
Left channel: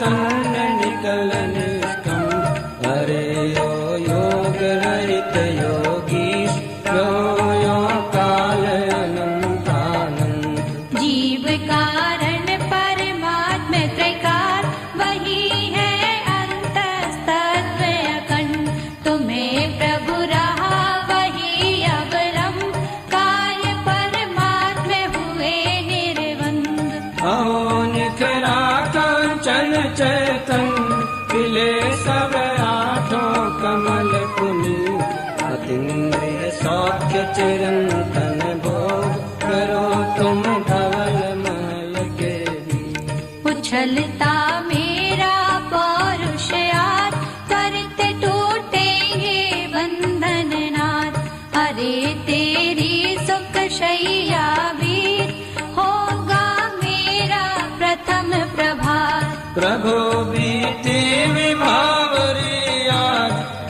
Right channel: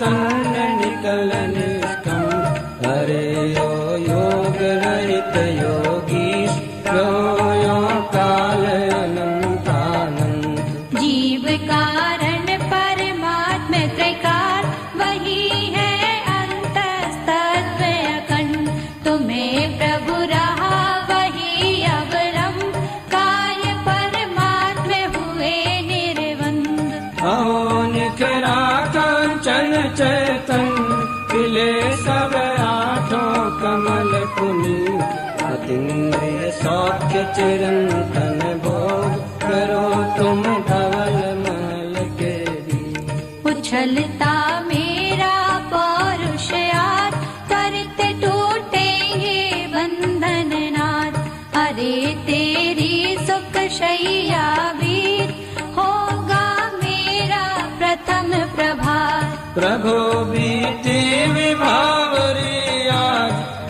तन्न निगलन कम हरे ओ योग रहित योगीश यो काल अनंतानंद जीव कारण परमात्म त्रिकार वही है अंतस्तत्व अखंड तुम्हें प्रभु रहा वही अवलंब काय परमात्म हुए निर्बंध अहो निकरा कांचन चैतन खिले सब आठों कमल पुनि अतीन्द्रिय सौख्य चिरंतन भो करो तुम धवल मल के उछलता मेरा पौरुषयात करते टूटेंगे बंधन नाथ अरे तेरी सुख शैया वीर होगा मेरा प्रथम प्रभात प्रभु बीते विभावरिया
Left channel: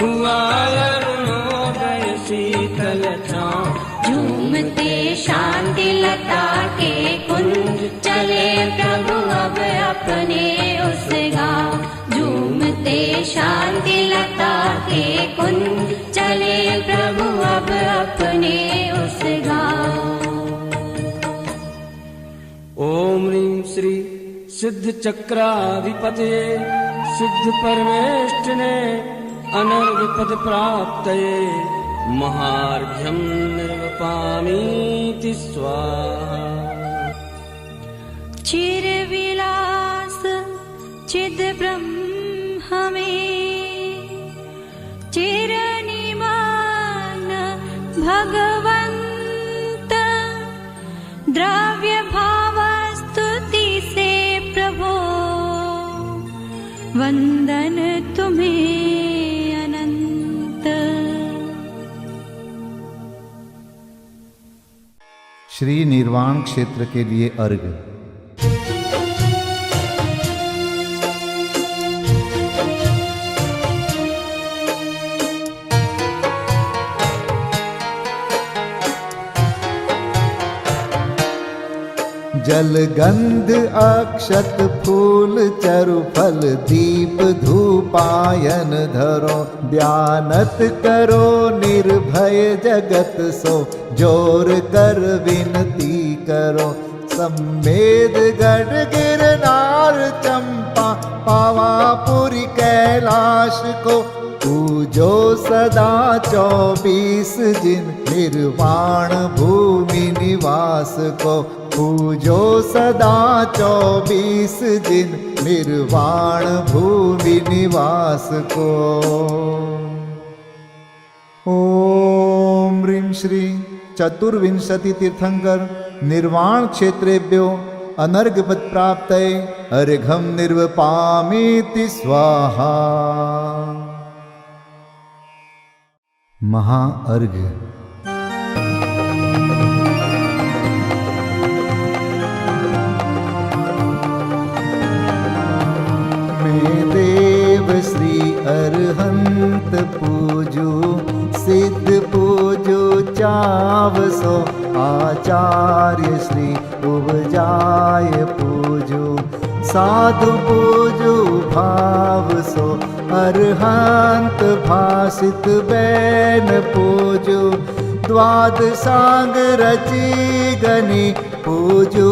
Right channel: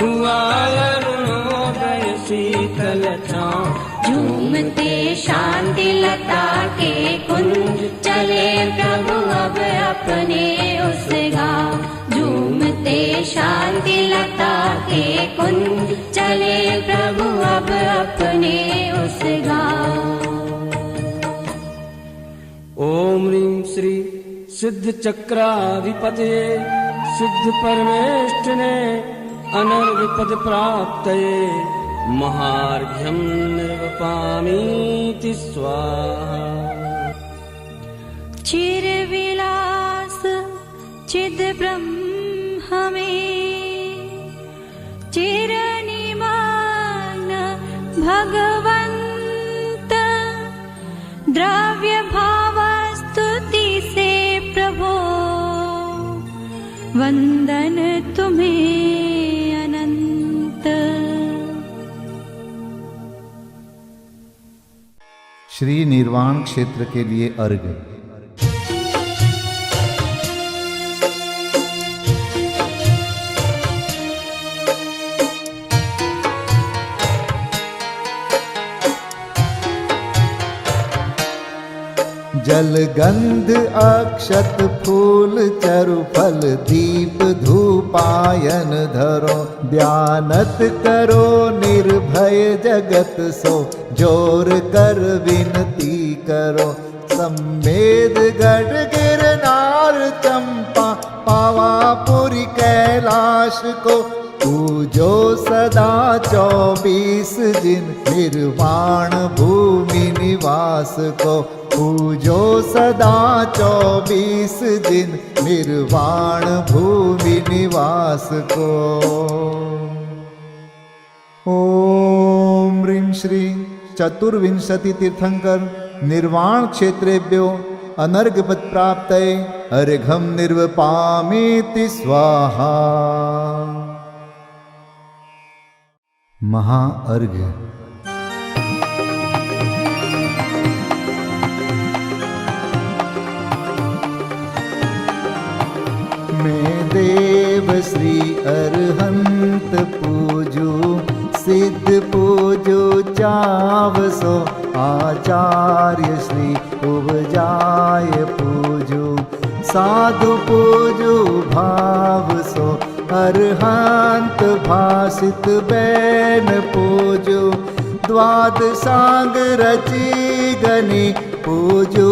हुआ अरुणोदय शीतल छाँव झूमते शांति लता के कुंज चले प्रभु अब अपने उस गाँव झूमते शांति लता के कुंज चले प्रभु अब अपने उस गाँव ओम ह्रीं श्री सिद्ध चक्राधिपते सिद्ध परमेष्ठिने अनर्घ पद प्राप्तये महार्घ्यं निर्वपामीति स्वाहा चिर विलास चिद ब्रह्म में चिर निमान भगवंत द्रव्य भाव स्तुति से प्रभो वंदन तुम्हें अनंत श्री निर्वाण क्षेत्र के लिए अर्घ्य। जल गंध अक्षत फूल चरु फल दीप धूपायन धरो ध्यानत करो निर्भय जगत सो जोर कर विनती करो सम्मेद गढ़ गिरनार चंपा पावापुरी कैलाश को पूजो सदा 24 जिन निर्वाण भूमि निवास को पूजो सदा 24 जिन निर्वाण भूमि निवास को। ओम ह्रीं श्री चतुर्विंशति तीर्थंकर निर्वाण क्षेत्रेभ्यो अनर्घपद प्राप्तये अर्घ्यं निर्वपामीति स्वाहा। महाअर्घ्य। मैं देव श्री अरहंत पूजू सिद्ध पूजू चावसो आचार्य श्री उपजाय पूजू साधु पूजू भाव सो अरहंत भासित बैन पूजू द्वादशांग रची गनी पूजू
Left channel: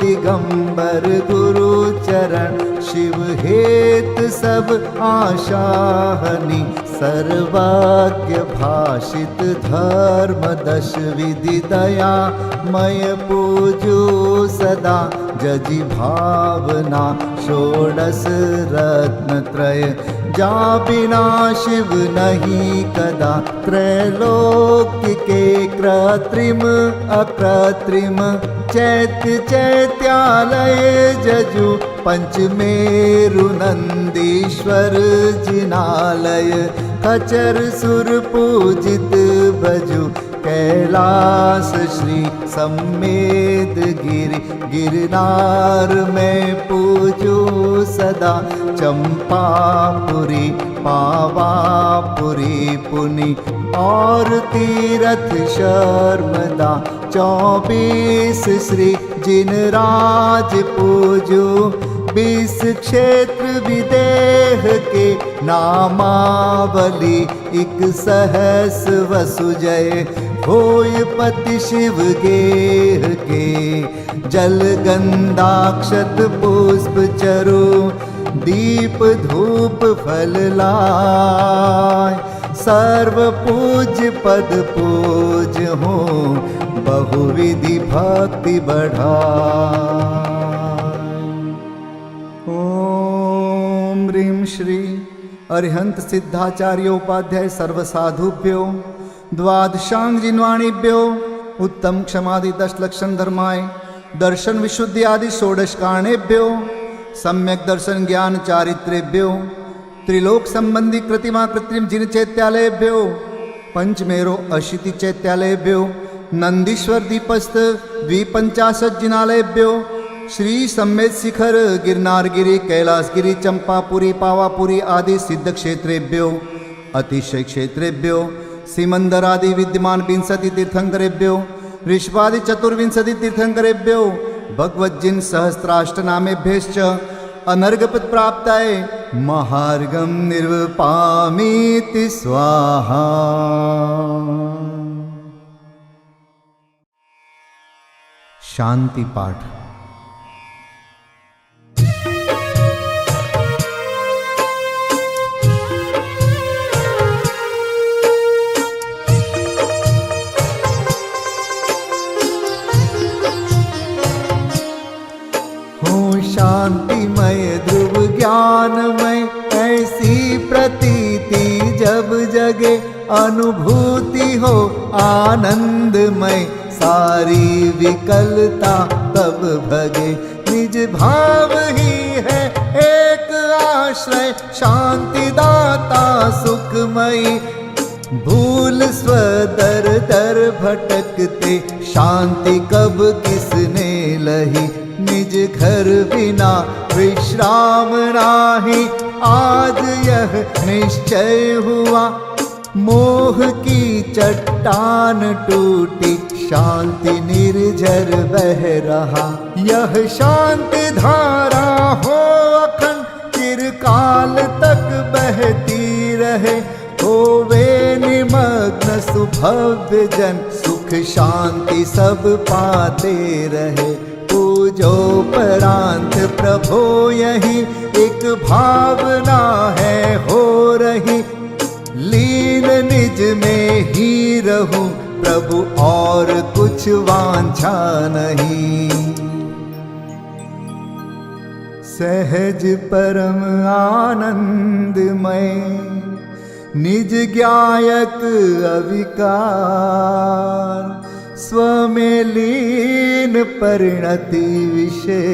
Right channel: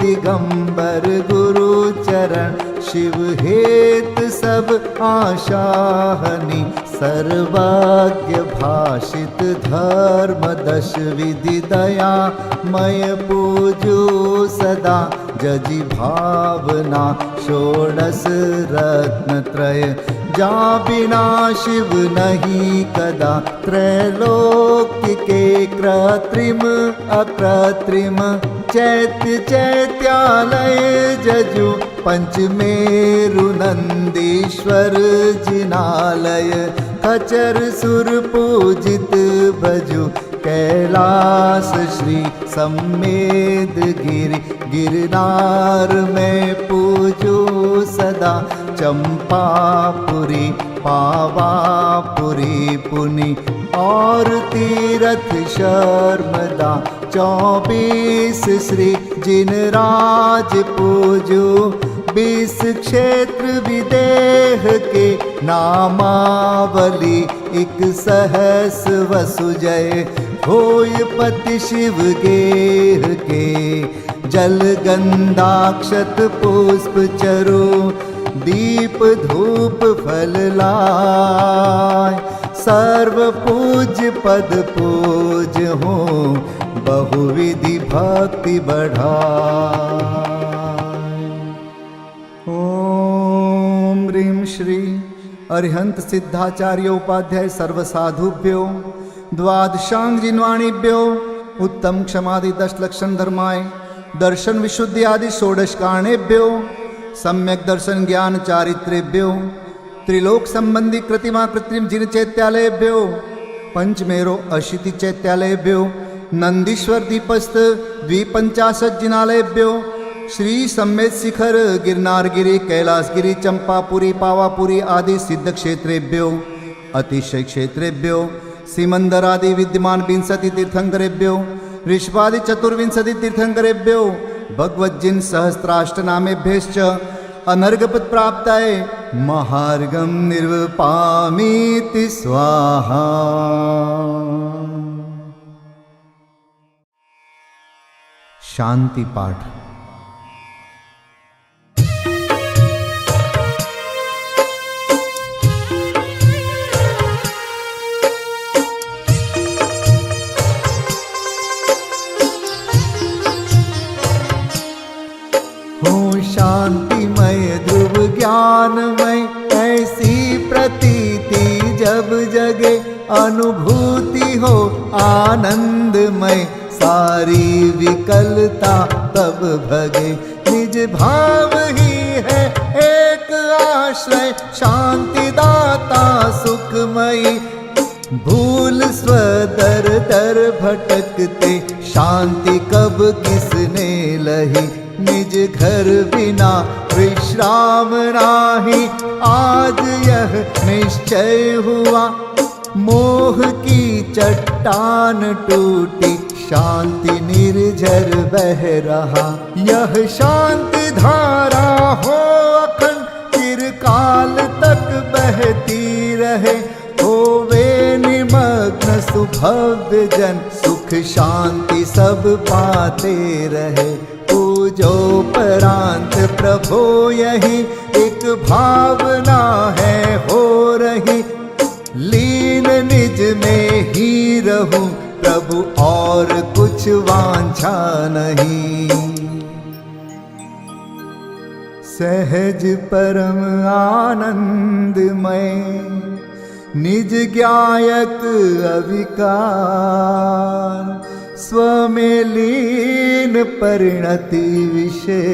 दिगंबर गुरु चरण शिव हेत सब आशाहनी सर्वज्ञ भाषित धर्म दश विधि दया मय पूजू सदा जजि भावना षोडश रत्न त्रय जा बिना शिव नहीं कदा त्रैलोक्य के कृत्रिम अकृत्रिम चैत्य चैत्यालय जजु पंचमेरु नंदीश्वर जिनालय खचर सुर पूजित भजु कैलास श्री सम्मेद गिरि गिरनार में पूजू सदा चंपापुरी पावापुरी पुनि और तीरथ शर्मदा 24 श्री जिनराज पूजू 20 क्षेत्र विदेह के नामावली, 1 सहस वसु जय होय पति शिव गेह के। जल गंधाक्षत पुष्प चरो, दीप धूप फल लाय। सर्व पूज्य पद पूज हो, बहुविधि भक्ति बढ़ाय। ओम ह्रीं श्री अरिहंत सिद्धाचार्य उपाध्याय सर्वसाधुभ्यो द्वादशांग जिन्वाणीभ्यो उत्तम क्षमादि 10 लक्षण धर्माय दर्शन विशुद्धि आदि 16 कारणेभ्यो सम्यक दर्शन ज्ञान चारित्रेभ्यो त्रिलोक संबंधी कृतिमा कृत्रिम जिन चैत्यालयेभ्यो पंचमेरो अशीति चैत्यालयेभ्यो नंदीश्वर दीपस्थ 250 जिनालयेभ्यो श्री सम्मेत शिखर गिरनारगिरी कैलासगिरी चंपापुरी पावापुरी आदि सिद्ध क्षेत्रेभ्यो अतिशय क्षेत्रेभ्यो सिमंदर आदि विद्यमान 20 तीर्थंकरेभ्यो ऋषभादि 24 तीर्थंकरेभ्यो भगवज्जिन सहस्राष्टनामेभ्यश्च अनर्घपद प्राप्ताय महार्गम निर्वपामीति स्वाहा। शांति पाठ। शांतिमय ध्रुव ज्ञानमय ऐसी प्रतीति जब जगे, अनुभूति हो आनंदमय सारी विकलता तब भगे। निज भाव ही है एक आश्रय, शांति दाता सुखमयी। भूल स्वदर दर भटकते, शांति कब किसने लही। निज घर बिना विश्राम नाही, आज यह निश्चय हुआ। मोह की चट्टान टूटी, शांति निर्झर बह रहा। यह शांति धारा हो अखंड, चिरकाल तक बहती रहे। होवे निमग्न सुभव्य जन, सुख शांति सब पाते रहे। पूजो परांत प्रभो यही, एक भावना है हो रही। लीन निज में ही रहूं प्रभु, और कुछ वांछा नहीं। सहज परम आनंदमय, निज ज्ञायक अविकार। स्व में लीन परिणति विषय,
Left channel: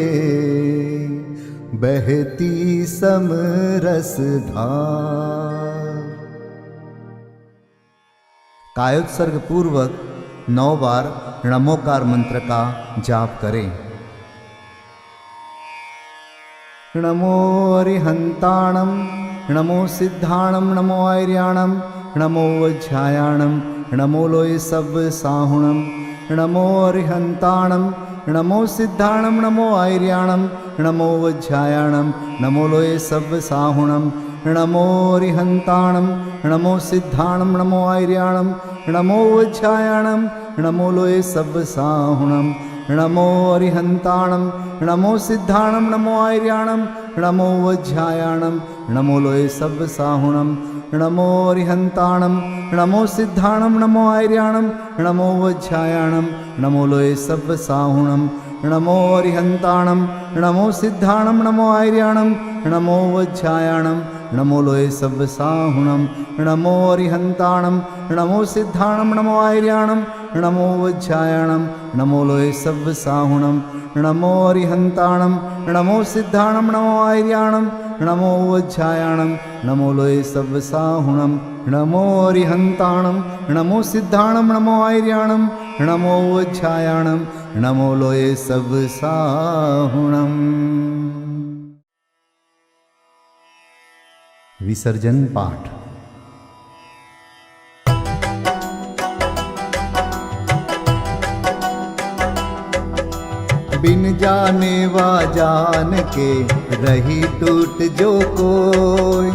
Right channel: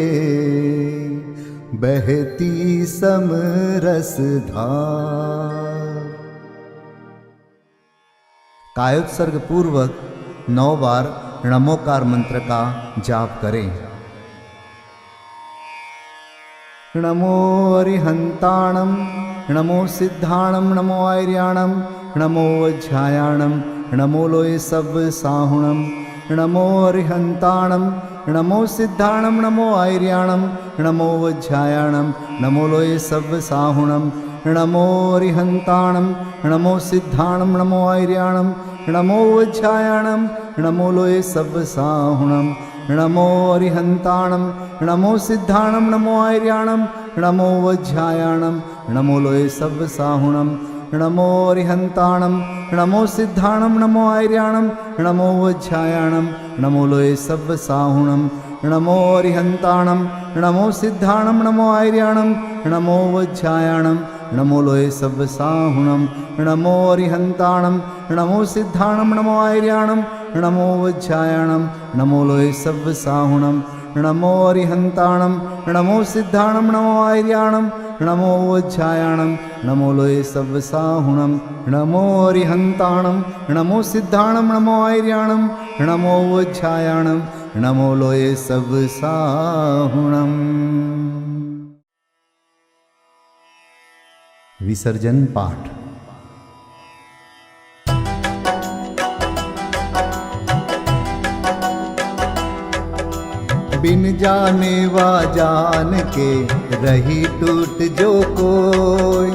बहती समरस धार। कायोत्सर्ग पूर्वक 9 बार नमोकार मंत्र का जाप करें। नमो अरिहंताणं, नमो सिद्धाणं, नमो आर्याणं, नमो वज्रायाणं, नमो लोय सब साहुणं। नमो अरिहंताणं, नमो सिद्धाणं, नमो आर्याणं, नमो वज्रायाणं, नमो लोय सब साहुणं। नमो अरिहंताणं, नमो सिद्धाणं, नमो आर्याणं, नमो वज्रायाणं, नमो लोय सब साहुणं। नमो अरिहंताणं, नमो सिद्धाणं, नमो आर्याणं, नमो वज्रायाणं, नमो लोय सब साहुणं। नमो अरिहंताणं, नमो सिद्धाणं, नमो आर्याणं, नमो वज्रायाणं, नमो लोय सब साहुणं। नमो अरिहंताणं, नमो सिद्धाणं, नमो आर्याणं, नमो वज्रायाणं, नमो लोय सब साहुणं। नमो अरिहंताणं, नमो सिद्धाणं, नमो आर्याणं, नमो वज्रायाणं, नमो लोय सब साहुणं। नमो अरिहंताणं, नमो सिद्धाणं, नमो आर्याणं, नमो वज्रायाणं, नमो लोय सब साहुणं। नमो अरिहंताणं, नमो सिद्धाणं, नमो आर्याणं, नमो वज्रायाणं, नमो लोय सब साहुणं। विसर्जन पाठ। बिन जाने वा जान के रही टूट जो कोई।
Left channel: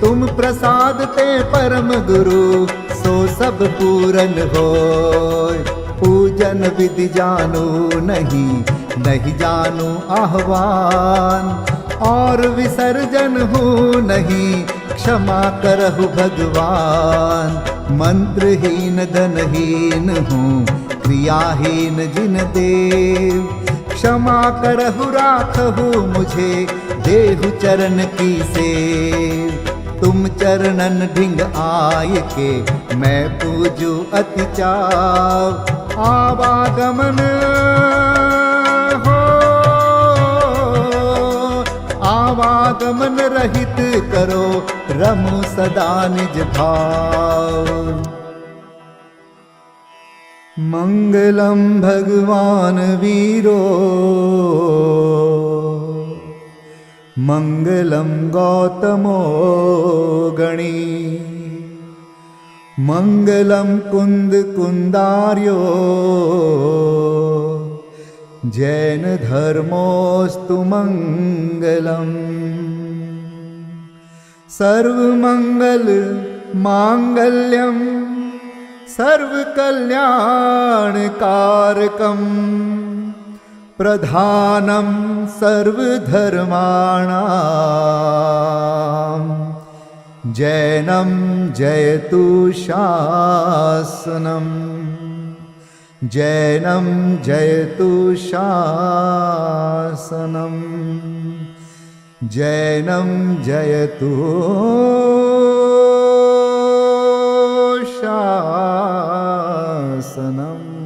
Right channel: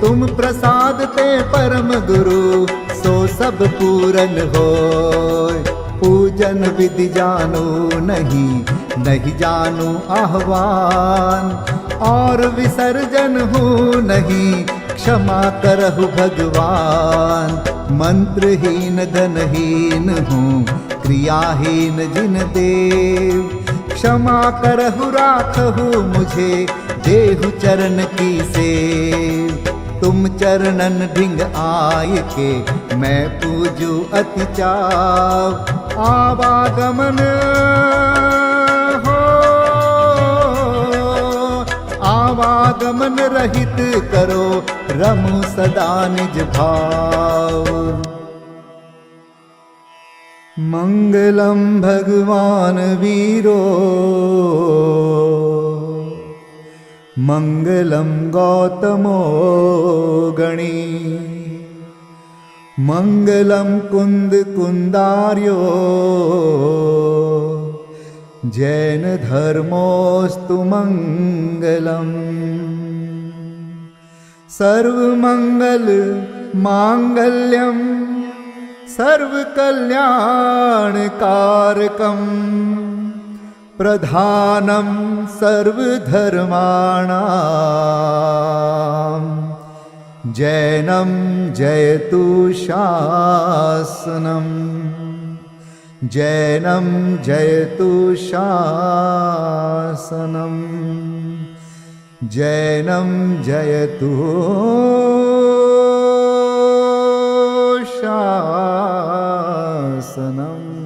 तुम प्रसाद ते परम गुरु सो सब पूरन होय। पूजन विधि जानो नहीं, नहीं जानो आह्वान, और विसर्जन हूँ नहीं, क्षमा करहु भगवान। मंत्रहीन धनहीन हूँ, क्रियाहीन जिन देव, क्षमा करहु राखहु मुझे, देहु चरण की सेव। तुम चरणन ढिंग आय के, मैं पूजू अति चाव। आवागमन हो, आवागमन रहित करो, रमु सदा निज भाव। मंगलम भगवान वीरो, मंगलम गौतमो गणी, मंगलम कुंद कुंदार्यो, जैन धर्मोस्तु मंगलम। सर्वमंगल मांगल्यम, सर्वकल्याणकारकम, प्रधानम सर्वधर्माणां, जैनम जयतु शासनम, जैनम जयतु शासनम, जैनम जयतु शासनम।